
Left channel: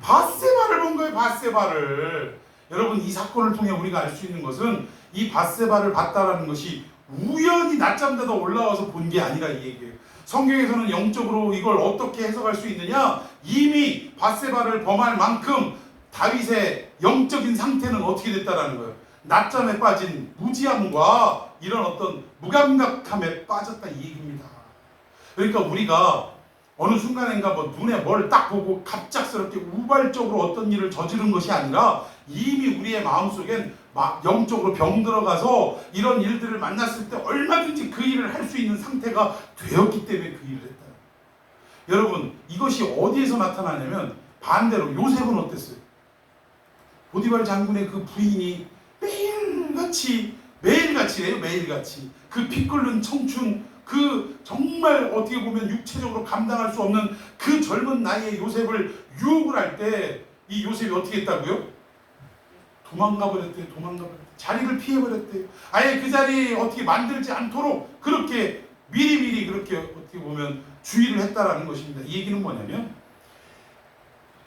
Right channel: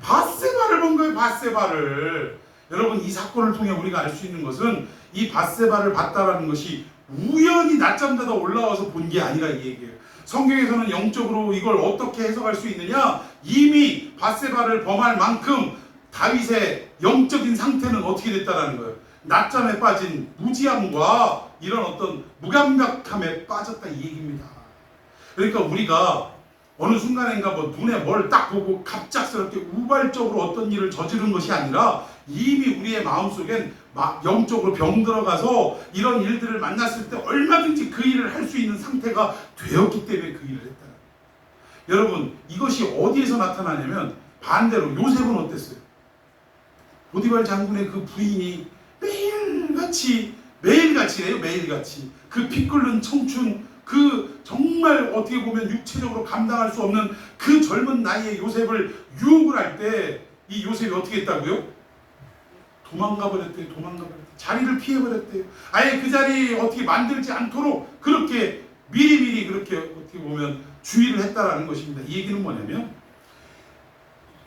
밧세바를 본 거예요. 밧세바를. 여러분 이 사건을 통해 우리가 알 수 있는 것은 이 밧세바를 봤다라는 것이 우연히 낮잠 자다 올라와서 본 게 아니라 이 얘기예요. 성경에서는 영적으로 이걸 어떻게 해석할 수 있느냐? 이미 밧세바를 범할 만큼 다윗의 영적인 상태는 어떻게 됐다라는 거예요. 낮잠에 빠진 무지함과 이런 어떤 무감각함에 빠졌다 이 얘기입니다. 그러니까 우리가 어느 순간인가 눈에 뭘 딱 보고 갑작스럽게 우발적으로 어떤 일을 저지른 것이 아니라 이미 우리의 마음속엔 영적으로 병 들어가서 이런 일들을 만났을 때 얼마든지 그 일을 할 수 있는 상태가 되었기 때문에 그 일을 했다. 여러분 이것이 어디에서 나타나냐면 반대로 요셉은 어땠어요? 보디발 장군의 그 부인이 매일같이 매일같이래요. 매일같이 그 피 끓는 청춘, 그 정말 어떻게 보면 육체적으로 감당할 수 없는 그 젊은 나이에 요셉을 유혹을 할 때 이 요셉이 어떻게 했다고요? 도망가 버렸대요. 도망가 버렸대요. 자리를 피해 버렸대요. 아예 그 자리 어떻게 만들지 않도록 그렇게 미리미리 그렇게 어떻게 보면 주의를 했다라는 것입니다. 이 얘기는 뭐냐면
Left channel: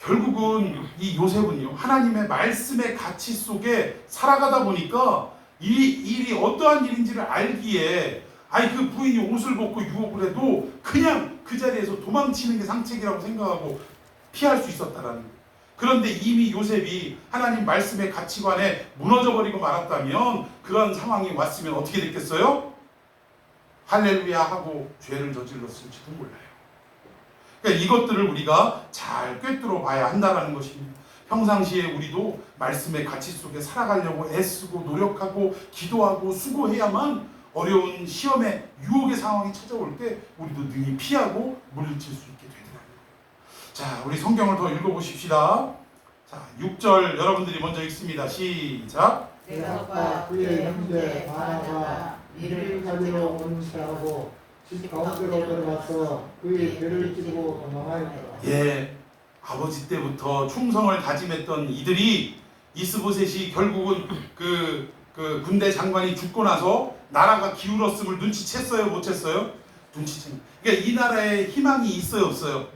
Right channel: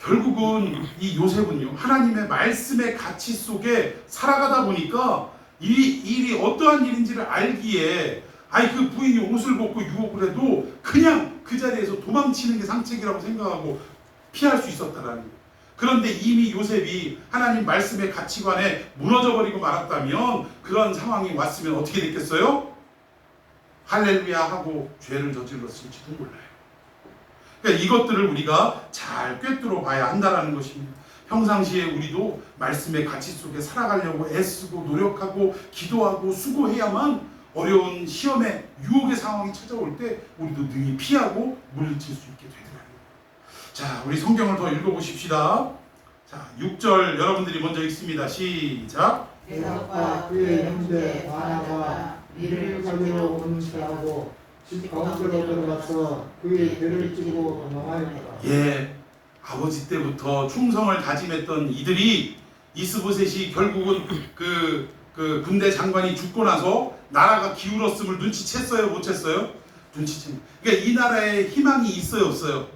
결국은 이 요셉은요, 하나님의 말씀의 가치 속에 살아가다 보니까 이 일이 어떠한 일인지를 알기에 그 부인이 옷을 벗고 유혹을 해도 그냥 그 자리에서 도망치는 게 상책이라고 생각하고 피할 수 있었다라는 거예요. 그런데 이미 요셉이 하나님 말씀의 가치관에 무너져버리고 말았다면 그런 상황이 왔으면 어떻게 됐겠어요? 할렐루야 하고 죄를 저질렀을지도 몰라요. 그러니까 이것들을 우리가 잘 꿰뚫어 봐야 한다는 것입니다. 평상시에 우리도 말씀의 가치 속에 살아가려고 애쓰고 노력하고 기도하고 수고해야만 어려운 시험의 유혹의 상황이 찾아올 때 우리도 능히 피하고 물리칠 수 있게 되더라고요. 자, 우리 성경을 더 읽어보십시다. 자, 6절 여러분들이 먼저 읽습니다. 시작. 대사과 그의 형제 바나가 이를 가지러 온 자하고 집 가운데로 들어가서 그의 배를 찌르고 도망하였더라. 예, 아버지 때부터 충성을 다짐했던 이들이 이스보셋이 결국은 그 군대 장관이 죽고 나서 나라가 기울었음을 눈치챘어요, 못 챘어요? 눈치챘어요. 그러니까 이 나라에 희망이 있어요, 없어요?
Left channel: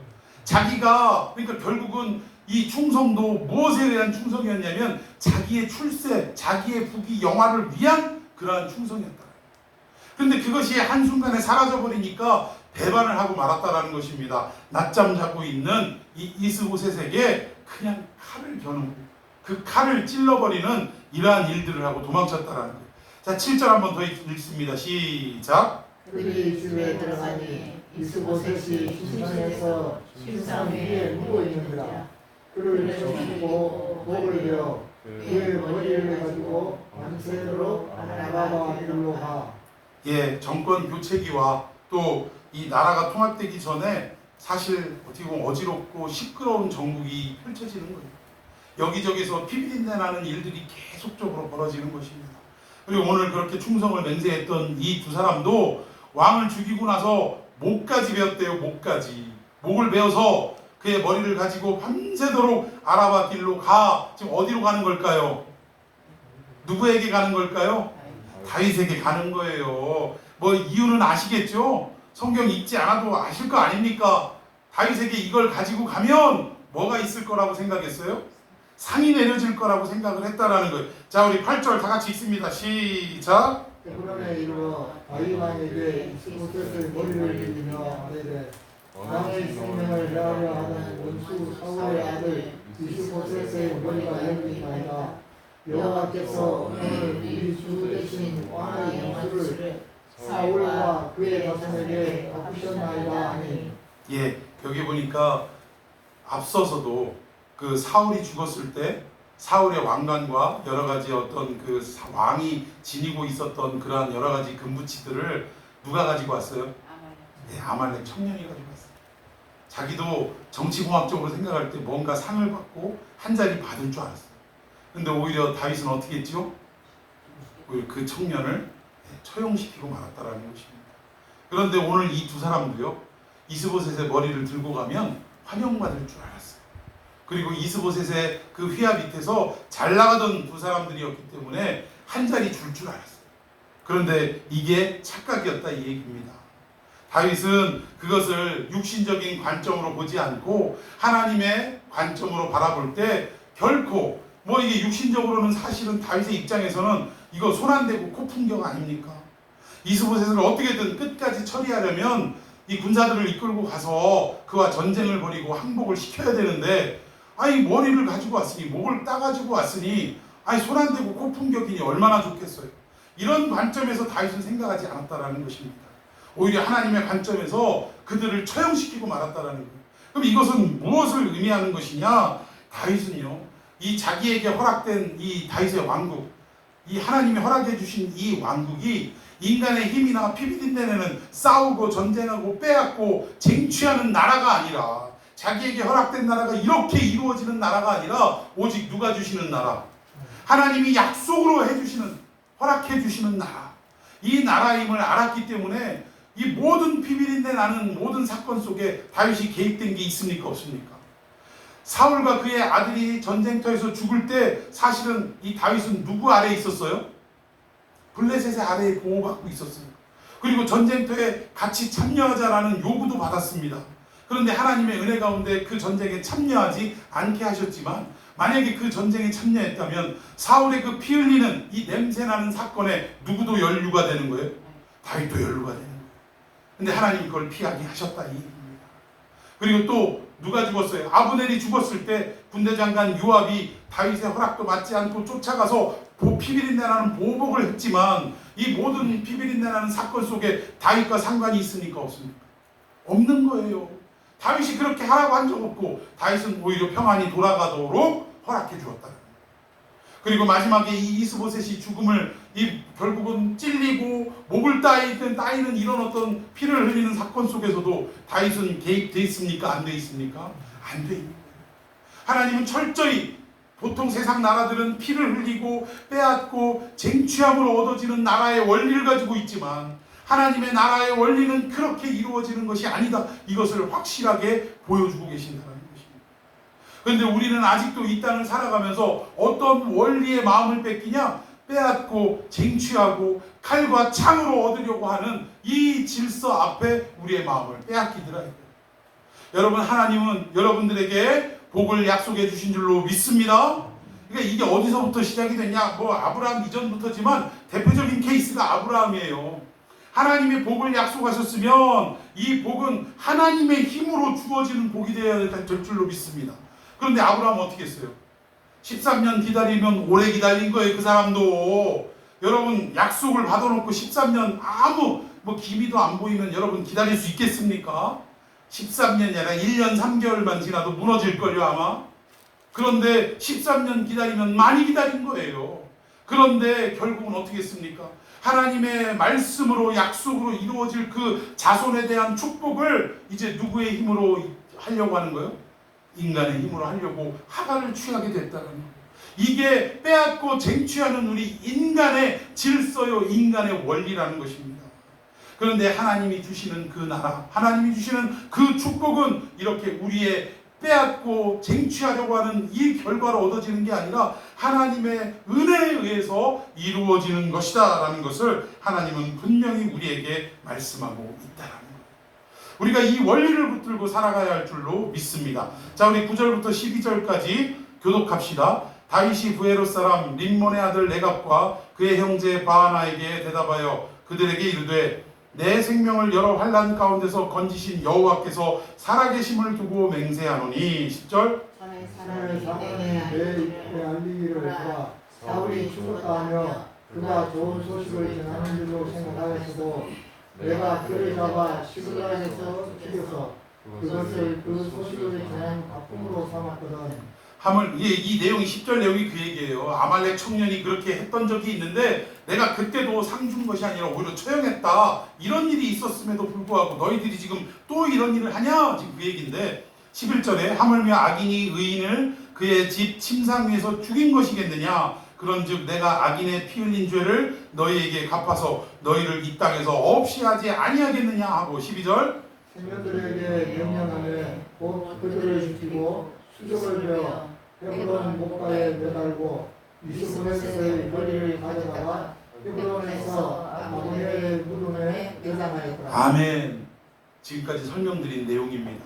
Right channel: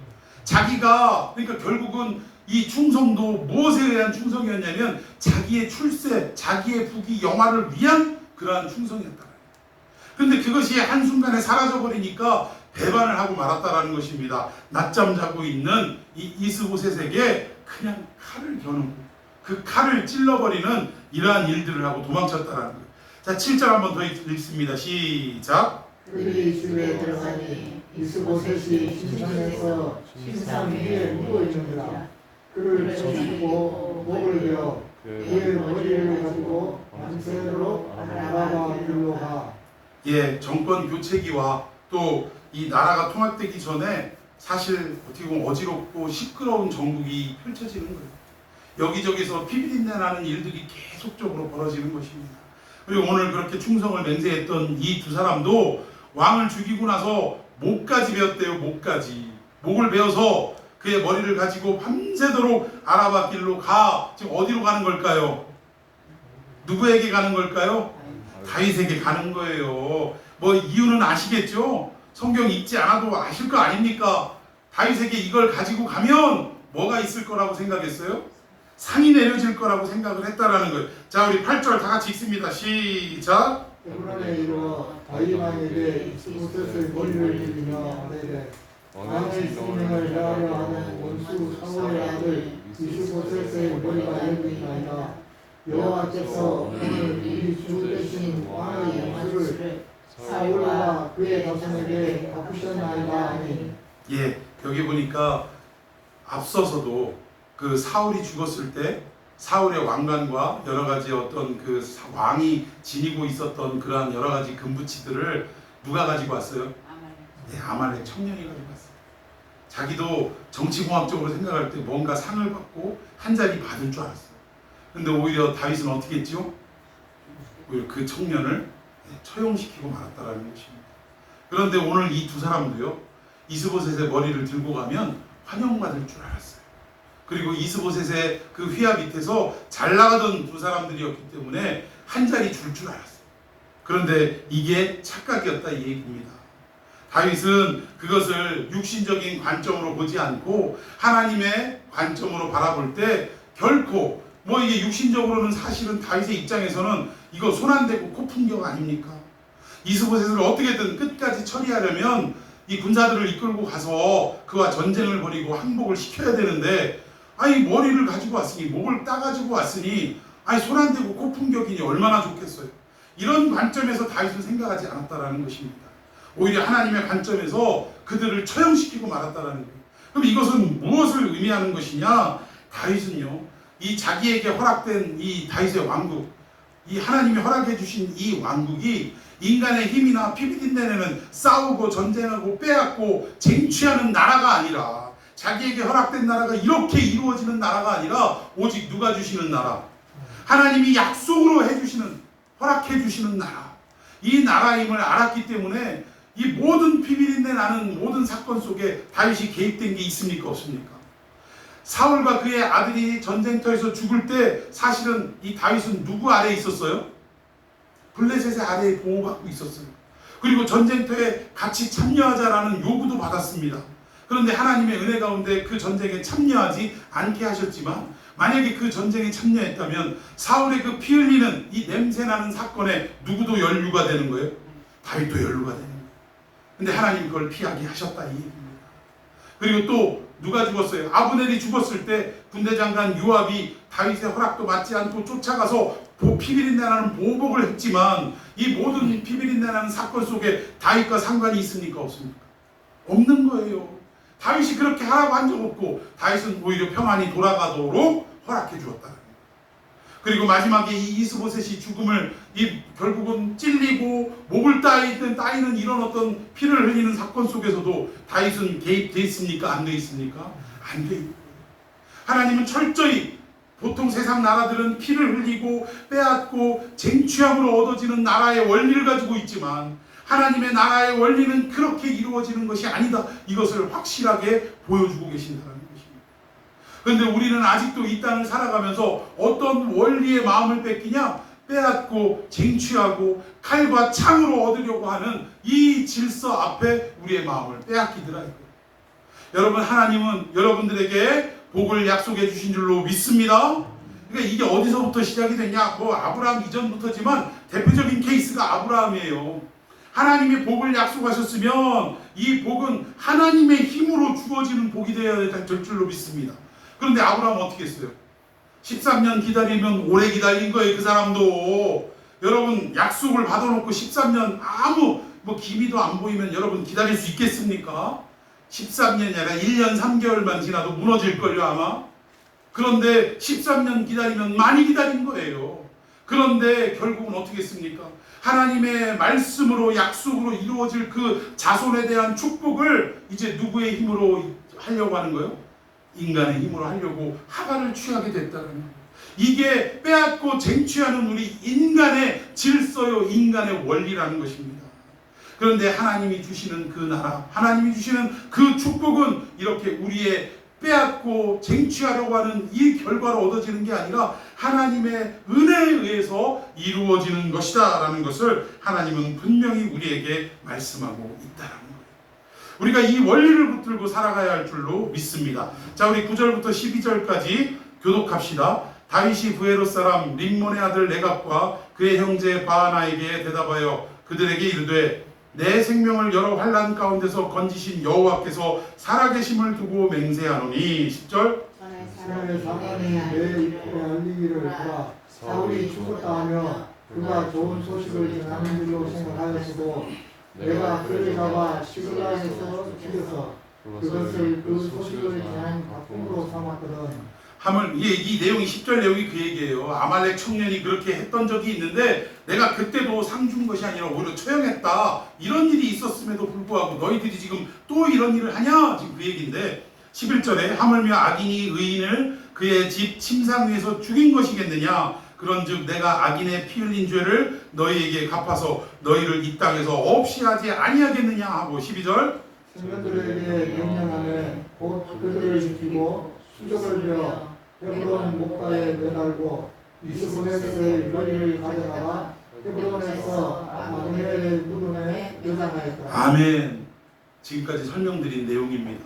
자기가 그러니까 결국은 이 충성도 무엇에 의한 충성이었냐면 자기의 출세, 자기의 부귀 영화를 위한 그러한 충성이었다. 그런데 그것이 한순간에 사라져버리니까 배반을 하고 말았다라는 것입니다. 낮잠 자고 있는 이 이스보셋에게 그냥 칼을 겨누고 그 칼을 찔러버리는 이러한 일들을 하고 도망쳤다라는 거예요. 자, 7절 한번 더 읽습니다. 시작. 그들이 집에 들어가니 이스보셋이 침상에서 침상 위에 누워 있는지라. 그를 쳐주고 목을 베어 그의 머리를 가지고 밤새도록 아라바 길로 가. 예, 정권 교체기와 또 이 나라가 통합되기 전에 사실 어떻게 보면 어지럽고 시끄러운 정국이 펼쳐지는 거예요. 여기저기서 피비린내 나는 일들이 계속적으로 벌어지는 것입니다. 그리고 오늘 그렇게 충성을 맹세했던 이 두 사람도 왕을 죽이고 나서 목까지 베었대요. 목까지. 목을 베어서 그의 머리를 가지고 밤새도록 아라바 길로 가. 지금 어디로 가는 걸까요? 누구에게 가는 걸까요? 다윗에게 가는 거예요. 뭐 이유는 아시겠죠? 성경 읽지 않아도 아실 거 아닙니까? 다윗에게 이걸 가지고 가면 뭐가 있을 거라고 생각했어요? 상이 내려질 거라고 생각을 했다라는 거예요. 자, 우리 8절 다 같이 읽습니다. 시작. 헤브론에 이르러 다윗 왕에게 이스보셋의 머리를 들이며 아뢰되 왕의 성명을 헤아려 하는 원수 사울의 아들 이스보셋의 머리가 여기 있나이다. 여호와께서 오늘 우리 주 대신 왕의 원수를 사울과 그의 자손에게 바꾸셨나이다 하니. 예, 여기 보니까 앞서서도 그 사울이 죽었을 때 사울의 왕관과 여러 가지 어떤 그 왕이 지니고 있었던 그러한 여러 가지 금부치들을 누가 가지고 왔어요? 네, 아말렉 청년이 가지고 왔어요. 자기도 정치공학적으로 생각할 때 뭔가 상을 받고 한 자리 받을 줄 알았어요. 근데 오히려 다윗은 어떻게 했죠? 오히려 그 청년을 처형시키고 말았다라는 것입니다. 그런데 오늘 이 두 사람도요, 이스보셋의 머리를 들고 가면 환영받을 줄 알았어요. 그리고 이스보셋의 그 휘하 밑에서 잘 나가던 두 사람들이었기 때문에 한 자리 줄 알았어요. 그런데 이게 착각이었다 이 얘기입니다. 다윗은 그것을 육신적인 관점으로 보지 않고 하나님의 관점으로 바라볼 때 결코 뭐 이게 육신적으로는 사실은 다윗의 입장에서는 이거 손 안 대고 코 풍경 아닙니까? 이스보셋을 어떻게든 끝까지 처리하려면 이 군사들을 이끌고 가서 그와 전쟁을 벌이고 항복을 시켜야 되는데 머리를 가지고 왔으니 목을 따가지고 왔으니 손 안 대고 코 풍경이니 얼마나 좋겠어요. 이런 관점에서 다윗은 생각하지 않았다라는 것입니다. 오히려 하나님의 관점에서 그들을 처형시키고 말았다라는 거예요. 그럼 이것은 무엇을 의미하는 것이냐? 다윗은요, 이 자기에게 허락된 이 다윗의 왕국, 이 하나님이 허락해 주신 이 왕국이 인간의 힘이나 피비린내내는 싸우고 전쟁하고 빼앗고 쟁취하는 나라가 아니라, 자기에게 허락된 나라가 이렇게 이루어지는 나라가 아니라 오직 누가 주시는 나라? 하나님이 약속으로 해주시는 허락해 주시는 나라, 이 나라임을 알았기 때문에 이 모든 비밀인데 나는 모든 사건 속에 다윗이 개입된 게 있습니까? 없습니까? 사울과 그의 아들이 전쟁터에서 죽을 때 사실은 이 다윗은 누구 아래에 있었어요? 블레셋의 아래에 보호받고 있었어요. 그리고 전쟁터에 같이 참여하자라는 요구도 받았습니다. 그런데 하나님의 은혜 가운데 그 전쟁에 참여하지 않게 하셨지만, 만약에 그 전쟁에 참여했다면 사울의 그 피 흘리는 이 냄새나는 사건에 누구도 연루가 되는 거예요? 다윗도 연루가 되는 거예요. 근데 하나님이 그걸 피하게 하셨다 이 얘기입니다. 그리고 또 누가 죽었어요? 아브넬이 죽었을 때 군대장관 요압이 다윗의 허락도 받지 않고 쫓아가서 피비린내 나는 보복을 했지만, 이 모든 피비린내 나는 사건 속에 다윗과 상관이 있습니까? 없습니까? 없는 거예요. 다윗이 그렇게 하라고 한 적 없고 다윗은 오히려 평안히 돌아가도록 허락해 주었다. 그리고 마지막에 이 이스보셋이 죽음을 결국은 찔리고 목을 따이는 이런 어떤 피를 흘리는 사건 속에서도 다윗은 개입돼 있습니까? 안 돼 있습니까? 안 돼 있는 거예요. 하나님은 철저히, 보통 세상 나라들은 피를 흘리고 빼앗고 쟁취함으로 얻어지는 나라의 원리를 가지고 있지만 하나님의 나라의 원리는 그렇게 이루어지는 것이 아니다. 이것을 확실하게 보여주고 계신다는 것입니다. 그런데 우리는 아직도 이 땅을 살아가면서 어떤 원리의 마음을 뺏기냐? 빼앗고 쟁취하고 칼과 창으로 얻으려고 하는 이 질서 앞에 우리의 마음을 빼앗기더라. 여러분, 하나님은 여러분들에게 복을 약속해 주신 줄로 믿습니다. 그러니까 이게 어디서부터 시작이 됐냐? 아브라함 이전부터지만 대표적인 케이스가 아브라함이에요. 하나님의 복을 약속하셨으면 이 복은 하나님의 힘으로 주어지는 복이 되어야 될 줄로 믿습니다. 그런데 아브라함은 어떻게 했어요? 13년 기다리면 오래 기다린 거예요. 그 사람도. 여러분, 약속을 받아놓고 13년 아무 기미도 안 보이면 여러분 기다릴 수 있겠습니까? 13년이 아니라 1년 3개월만 지나도 무너질걸요 아마. 그런데 13년 기다리면 많이 기다린 거예요. 그런데 결국은 어떻게 했습니까? 하나님의 말씀으로 약속으로 이루어질 그 자손에 대한 축복을 이제 누구의 힘으로 하려고 하는 거예요? 인간의 힘으로 하려고 하가를 취하게 됐다는 거예요. 이게 빼앗고 쟁취하는 우리 인간의 질서요, 인간의 원리라는 것입니다. 그런데 하나님이 주시는 그 나라, 하나님이 주시는 그 축복은 이렇게 우리의 빼앗고 쟁취하려고 하는 이 결과로 얻어지는 게 아니라 하나님의 은혜에 의해서 이루어지는 것이다 라는 것을 하나님은 분명히 우리에게 말씀하고 있다는 거예요. 우리가 이 원리를 붙들고 살아가야 할 줄로 믿습니다. 자, 우리 9절부터 12절까지 교독합시다. 다윗이 부에롯 사람 림몬의 아들 레갑과 그의 형제 바하나에게 대답하여 그들에게 이르되 내 생명을 여러 환난 가운데서 건지신 여호와께서 살아계심을 두고 맹세하노니. 10절 사울의 사건이 내 입에 알리기를 보라. 사울이 죽었다 하며 그가 좋은 소식을 전하는 줄로 생각하였어도 내가 그를 잡아 시글락에서 죽여서 그것을 그 소식을 전한 가품으로 삼았거든. 이 내용이 10절 내용이 그 얘기예요. 아말렉 청년이 그렇게 했던 적이 있는데 내가 그때도 상 준 것이 아니라 오히려 처형했다. 이런 일이 있었음에도 불구하고 너희들이 지금 또 이런 일을 하냐? 지금 그 얘기인데 11절에 하물며 악인이 의인을 그의 집 침상 위에서 죽인 것이겠느냐? 그런즉 내가 악인의 피 흘린 죄를 너희에게 갚아서 너희를 이 땅에서 없이 하지 아니하겠느냐 하고 12절 생년들에게 명령하되 곧 그들을 지키고 수족을 베어 헤브론 목가에 매달고 이스보셋의 머리를 가져다가 헤브론에서 아브넬의 무덤에 내장하였더라. 아멘. 지금까지 설명드린 내용입니다.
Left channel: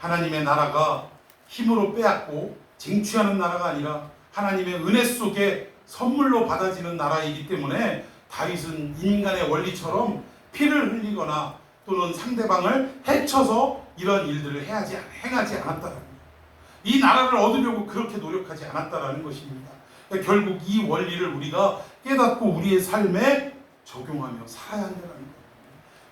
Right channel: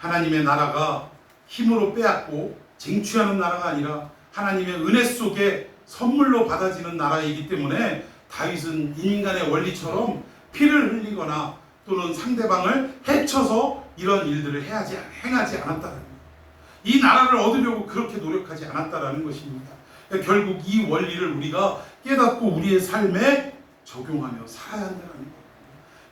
하나님의 나라가 힘으로 빼앗고 쟁취하는 나라가 아니라 하나님의 은혜 속에 선물로 받아지는 나라이기 때문에 다윗은 인간의 원리처럼 피를 흘리거나 또는 상대방을 해쳐서 이런 일들을 행하지 않았다는 거예요. 이 나라를 얻으려고 그렇게 노력하지 않았다는 것입니다. 결국 이 원리를 우리가 깨닫고 우리의 삶에 적용하며 살아야 한다는 거예요.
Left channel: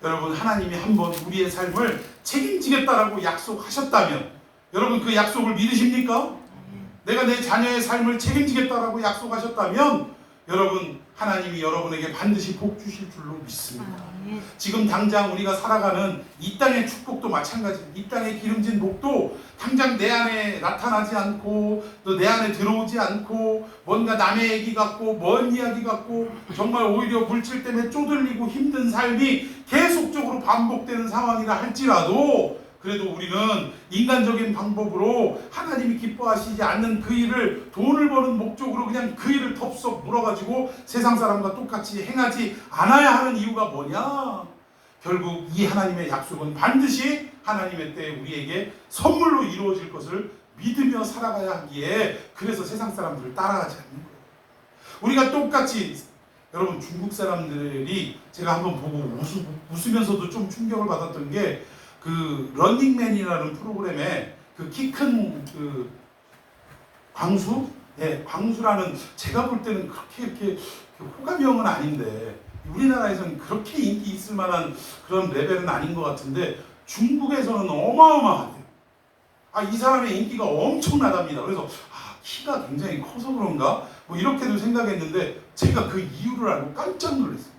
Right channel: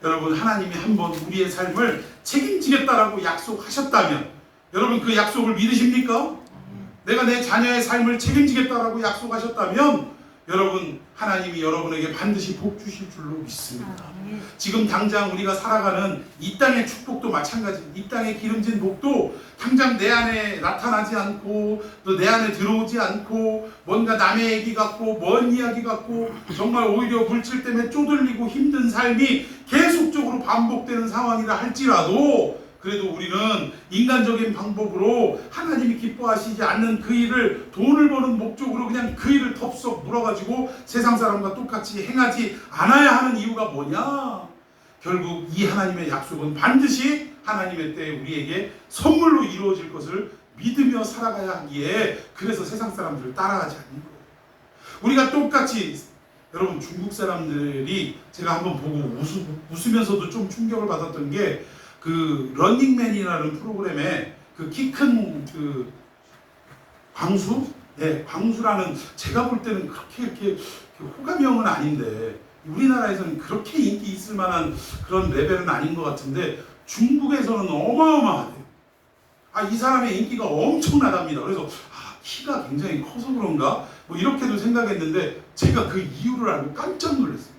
여러분, 하나님이 한번 우리의 삶을 책임지겠다라고 약속하셨다면 여러분 그 약속을 믿으십니까? 내가 내 자녀의 삶을 책임지겠다라고 약속하셨다면 여러분 하나님이 여러분에게 반드시 복 주실 줄로 믿습니다. 지금 당장 우리가 살아가는 이 땅의 축복도 마찬가지. 이 땅의 기름진 복도 당장 내 안에 나타나지 않고 또 내 안에 들어오지 않고 뭔가 남의 얘기 같고 먼 이야기 같고 정말 오히려 물질 때문에 쪼들리고 힘든 삶이 계속적으로 반복되는 상황이라 할지라도 그래도 우리는 인간적인 방법으로 하나님이 기뻐하시지 않는 그 일을 돈을 버는 목적으로 그냥 그 일을 덥석 물어가지고 세상 사람과 똑같이 행하지 않아야 하는 이유가 뭐냐? 결국 이 하나님의 약속은 반드시 하나님의 때에 우리에게 선물로 이루어질 것을 믿으며 살아가야 하기에 그래서 세상 사람들을 따라가지 않는 거예요. 우리가 똑같이 여러분 중국 사람들이 제가 한번 보고 웃으면서도 좀 충격을 받았던 게 그 런닝맨이라는 프로그램에 그 키 큰 그 광수? 네, 광수라는 제가 볼 때는 그렇게 이렇게 호감형은 아닌데 우리나라에서는 그렇게 인기 있을 만한 그런 레벨은 아닌 것 같은데 중국에서는 어마어마하대요. 이 사람의 인기가 엄청나답니다. 그래서 키가 굉장히 커서 그런가? 뭐 이렇게도 생각했는데 제가 그 이유를 알고 깜짝 놀랐어요.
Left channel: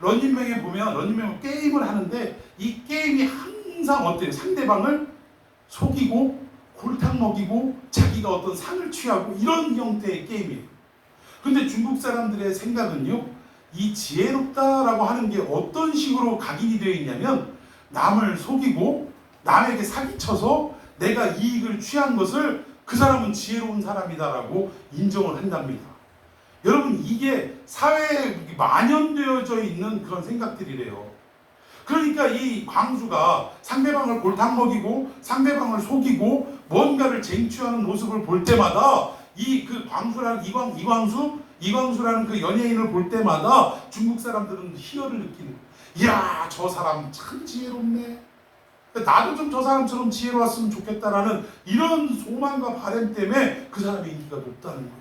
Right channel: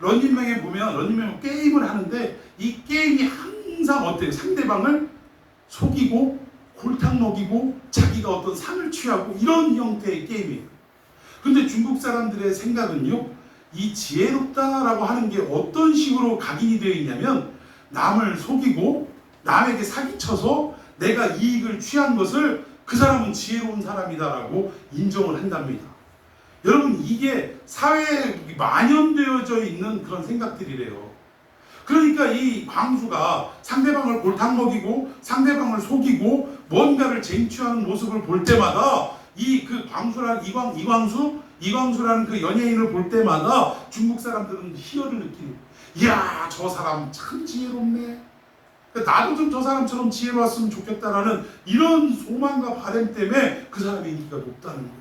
런닝맨에 보면 런닝맨은 게임을 하는데 이 게임이 항상 어때요? 상대방을 속이고 골탕 먹이고 자기가 어떤 상을 취하고 이런 형태의 게임이에요. 근데 중국 사람들의 생각은요, 이 지혜롭다라고 하는 게 어떤 식으로 각인이 되어 있냐면 남을 속이고 남에게 사기쳐서 내가 이익을 취한 것을 그 사람은 지혜로운 사람이다라고 인정을 한답니다. 여러분 이게 사회에 만연되어져 있는 그런 생각들이래요. 그러니까 이 광수가 상대방을 골탕 먹이고 상대방을 속이고 뭔가를 쟁취하는 모습을 볼 때마다 그 광수라는 이광수라는 그 연예인을 볼 때마다 중국 사람들은 희열을 느끼는 거예요. 이야 저 사람 참 지혜롭네. 나도 좀 저 사람처럼 지혜로웠으면 좋겠다라는 이런 소망과 바람 때문에 그 사람의 인기가 높다는 거예요.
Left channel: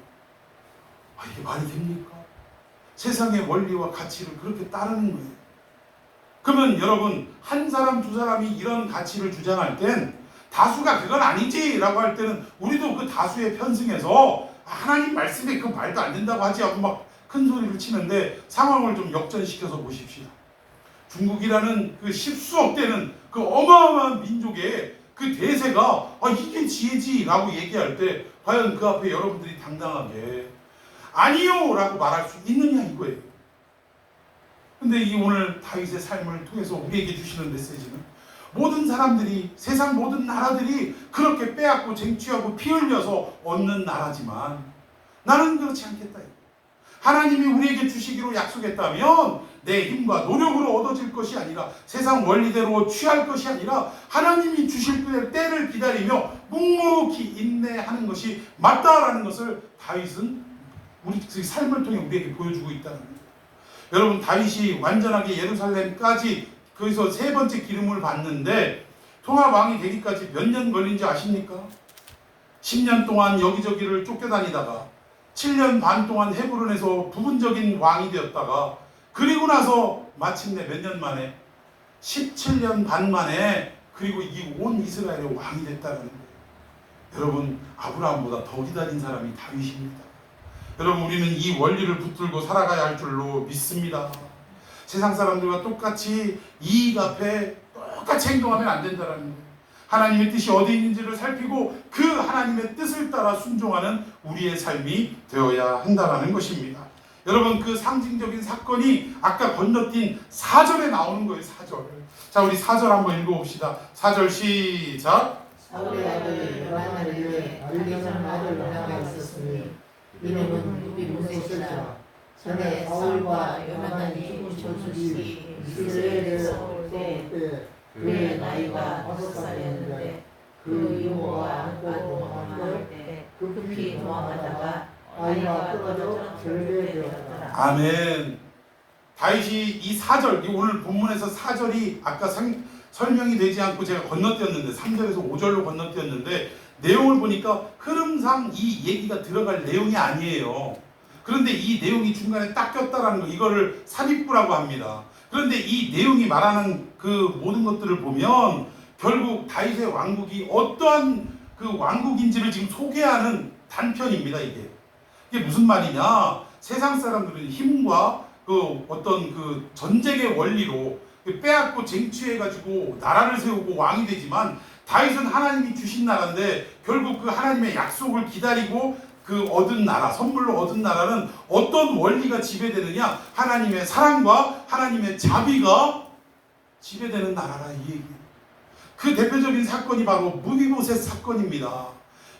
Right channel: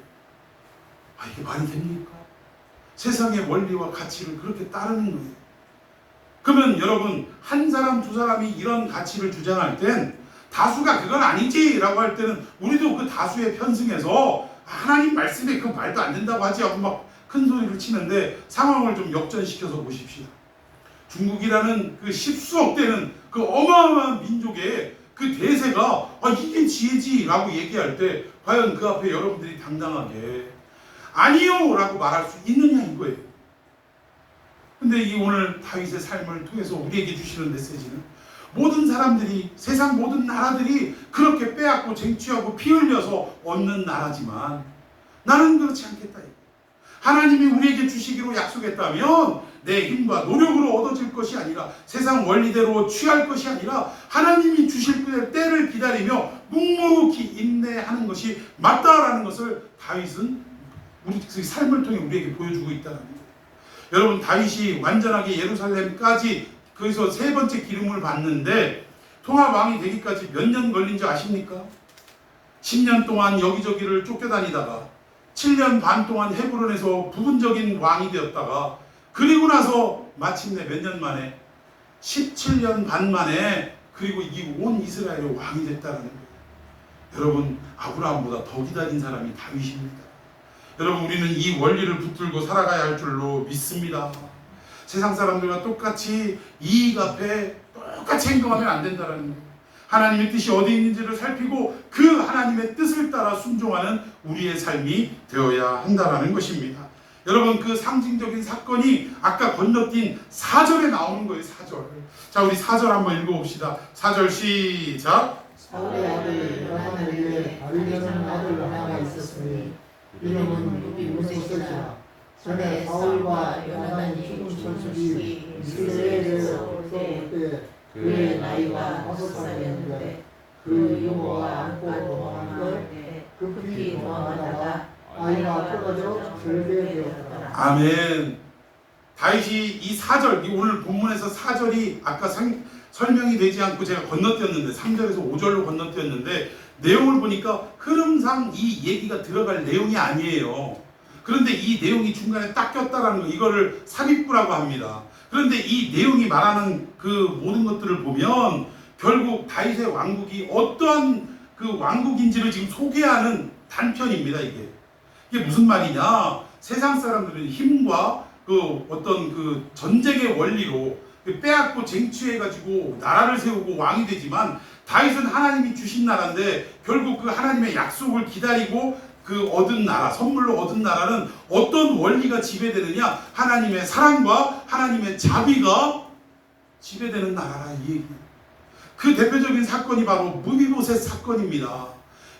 이게 말이 됩니까? 세상의 원리와 가치를 그렇게 따르는 거예요. 그러면 여러분 한 사람 두 사람이 이런 가치를 주장할 땐 다수가 그건 아니지 라고 할 때는 우리도 그 다수에 편승해서 하나님 말씀에 그 말도 안 된다고 하지 하고 막 큰 소리를 치는데 상황을 좀 역전시켜서 보십시다. 중국이라는 그 십수억 되는 그 어마어마한 민족의 그 대세가 이게 지혜지 라고 얘기할 때 과연 그 앞에 여러분들이 당당하게 아니요 라고 말할 수 있느냐 이거예요. 근데 이 오늘 다윗의 삶을 통해서 우리에게 주시는 메시지는 모든 사람들이 세상 모든 나라들이 그렇게 빼앗고 쟁취하고 피 흘려서 얻는 나라지만 나는 그렇지 않겠다. 하나님이 우리에게 주시기로 약속했다면 내 힘과 노력으로 얻어질 것이 아니라 세상 원리대로 취할 것이 아니라 하나님이 주실 때를 기다리며 묵묵히 인내하는 것이 맞다라는 것을 다윗은 우리 삶을 통해 우리에게 보여주고 있다는 거예요. 여러분 다윗이 완전하게 예루살렘까지 거기서 세 번째 기름을 받는데 통합 왕이 되기까지 몇 년 걸린지 아십니까? 10년 동안 여기저기를 쫓겨다니다가 7년 반 동안 헤브론에서 부분적인 왕이 되었다가 그리고 나서 마침내 몇 년 만에 17년 반 만에 그리고 이 온 이스라엘의 왕이 됐다는 거예요. 여러분 아브라함보다 더 기다린 사람이 다윗입니다. 여러분 우리는 이 원리를 붙들고 살아가야 할 줄로 믿습니다. 세상 사람들과 똑같이 이익 앞에 똑같이 행동하면 안 된다는 거예요. 하나님의 뜻이 어디 있는지를 살피고 그 하나님의 뜻을 따라 순종하는 우리의 삶이 되어야 한다는 것입니다. 여러분 그 상징적인 사건이 아까 건너뛴 4절에 나오는 거예요. 4절. 자 우리 4절 한번 읽어봅시다. 4절 시작. 사울의 아들 요나단에게 아비냐는 아들 하나가 있었으니 이름은 이므소셋이라. 전에 사울과 요나단이 죽은 천식이 이스라엘에서 올 때 그의 나이가 5살이었는데 그 이모가 안고 도망할 때 급히 도망하다가 아이가 떨어져 절개되었다. 아멘. 다윗이 이 4절, 오늘 본문에서 4절이 아까 설명이 되지 않고 제가 건너뛰었는데 3절에서 5절로 건너뛰었는데 내용을 보니까 흐름상 이 얘기가 들어갈 내용이 아니에요. 그런데 이 내용이 중간에 딱 꼈다라는 거, 이거를 삽입부라고 합니다. 그런데 이 내용이 말하는 그 모든 것들을 보면 결국 다윗의 왕국이 어떠한 그 왕국인지를 지금 소개하는 단편입니다. 이게 무슨 말이냐? 세상 사람들은 힘과 그 어떤 그 전쟁의 원리로 빼앗고 쟁취해가지고 나라를 세우고 왕이 되지만 다윗은 하나님이 주신 나라인데 결국 그 하나님의 약속을 기다리고 그 얻은 나라, 선물로 얻은 나라는 어떤 원리가 지배되느냐? 하나님의 사랑과 하나님의 자비가 지배되는 나라라 이 얘기예요. 그 대표적인 사건이 바로 무비보셋 사건입니다.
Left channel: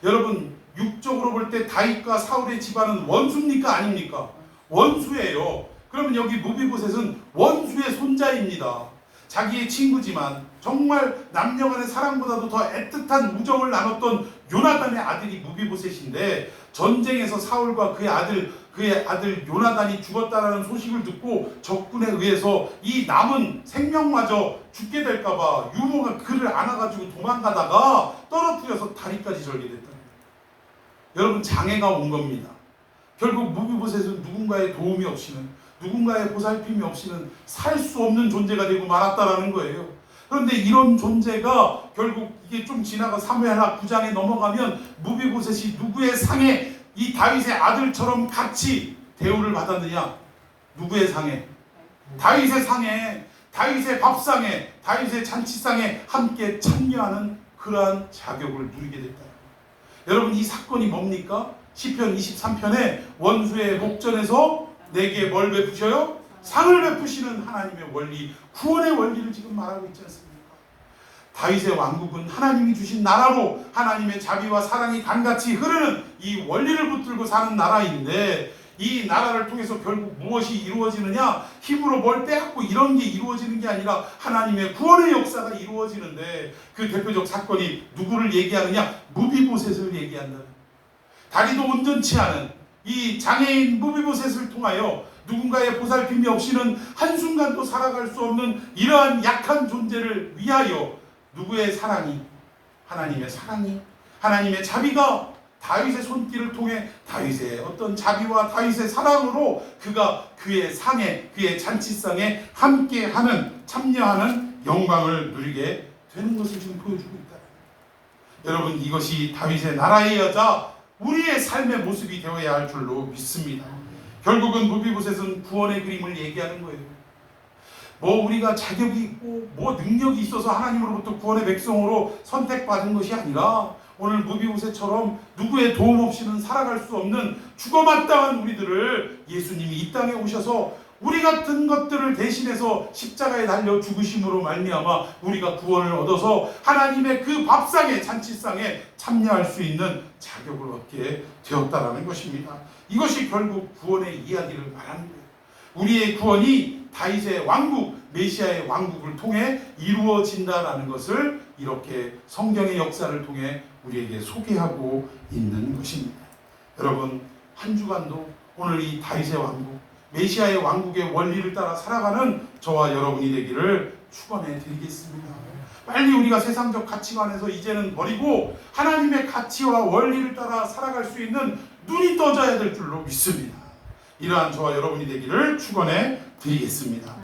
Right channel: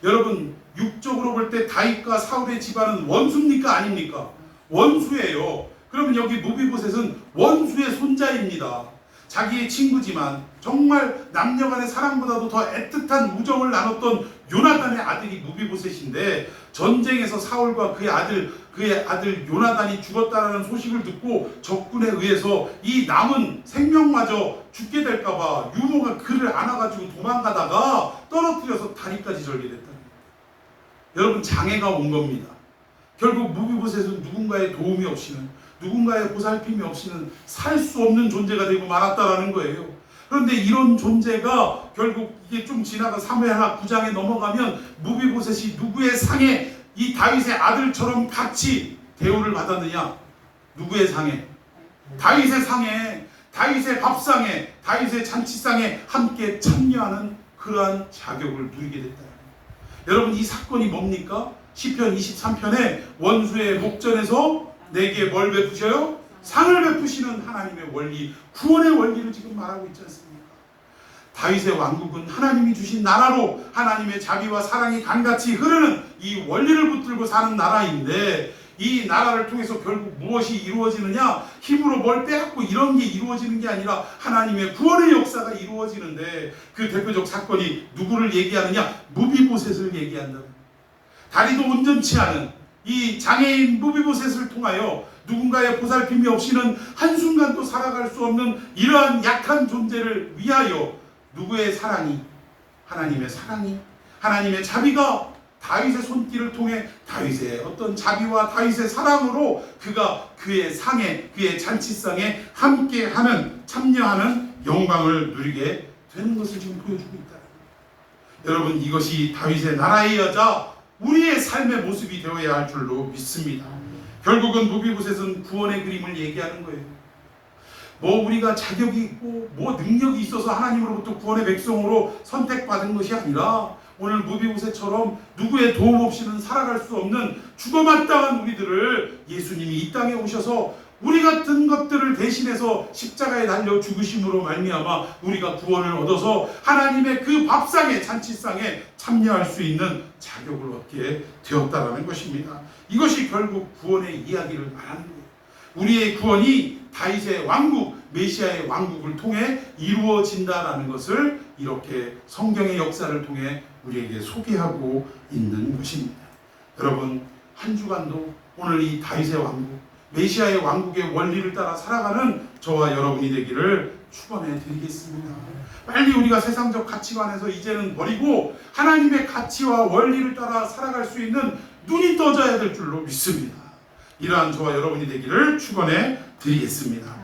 여러분 육적으로 볼 때 다윗과 사울의 집안은 원수입니까 아닙니까? 원수예요. 그러면 여기 무비보셋은 원수의 손자입니다. 자기의 친구지만 정말 남녀간의 사랑보다도 더 애틋한 우정을 나눴던 요나단의 아들이 무비보셋인데 전쟁에서 사울과 그의 아들 요나단이 죽었다라는 소식을 듣고 적군에 의해서 이 남은 생명마저 죽게 될까봐 유모가 그를 안아가지고 도망가다가 떨어뜨려서 다리까지 절개됐다. 여러분 장애가 온 겁니다. 결국 무비보셋은 누군가의 도움이 없이는 누군가의 보살핌이 없이는 살 수 없는 존재가 되고 말았다라는 거예요. 그런데 이런 존재가 결국 이게 좀 지나가 사무엘하 9장에 넘어가면 무비보셋이 누구의 상에 이 다윗의 아들처럼 같이 대우를 받았느냐? 누구의 상에? 다윗의 상에, 다윗의 밥상에, 다윗의 잔치상에 함께 참여하는 그러한 자격을 누리게 됐다. 여러분 이 사건이 뭡니까? 시편 23편에 원수의 목전에서 내게 뭘 베푸셔요? 상을 베푸시는 하나님의 원리, 구원의 원리를 지금 말하고 있지 않습니까? 다윗의 왕국은 하나님이 주신 나라로 하나님의 자비와 사랑이 강같이 흐르는 이 원리를 붙들고 사는 나라인데 이 나라를 통해서 결국 무엇이 이루어지느냐? 힘으로 뭘 빼앗고 이런 게 이루어지는 게 아니라 하나님의 구원의 역사가 이루어지는데 그 대표적 사건이 누구를 얘기하느냐? 무비보셋을 얘기한다. 다리도 온전치 않은 이 장애인 무비보셋을 통하여 누군가의 보살핌이 없이는 한순간도 살아갈 수 없는 이러한 약한 존재를 위하여 누구의 사랑이? 하나님의 사랑이, 하나님의 자비가 다윗의 손길을 통해 다윗의 어떤 자비와 다윗의 사랑으로 그가 그의 상에, 그의 잔치상에 함께하는, 참여하는 영광을 누리게 되는 것을 지금 보여주고 있다. 여러분 이것이 다윗의 나라의 여자 우리의 삶의 모습이 되어야 할 줄로 믿습니다. 결국은 무비보셋은 구원의 그림을 얘기하는 거예요. 뭐 우리가 자격이 있고 뭐 능력이 있어서 하나님으로부터 구원의 백성으로 선택받은 것이 아니라 오늘 무비보셋처럼 누구의 도움 없이는 살아갈 수 없는 죽어마땅한 우리들을 예수님이 이 땅에 오셔서 우리 같은 것들을 대신해서 십자가에 달려 죽으심으로 말미암아 우리가 구원을 얻어서 하나님의 그 밥상에 잔치상에 참여할 수 있는 자격을 얻게 되었다라는 것입니다. 이것이 결국 구원의 이야기를 말하는 거예요. 우리의 구원이 다윗의 왕국, 메시아의 왕국을 통해 이루어진다라는 것을 이렇게 성경의 역사를 통해 우리에게 소개하고 있는 것입니다. 여러분 한 주간도 오늘 이 다윗의 왕국, 메시아의 왕국의 원리를 따라 살아가는 저와 여러분이 되기를 축원해 드리겠습니다. 빨리 우리가 세상적 가치관에서 이제는 버리고 하나님의 가치와 원리를 따라 살아갈 수 있는 눈이 떠져야 될 줄로 믿습니다. 이러한 저와 여러분이 되기를 축원해 드리겠습니다.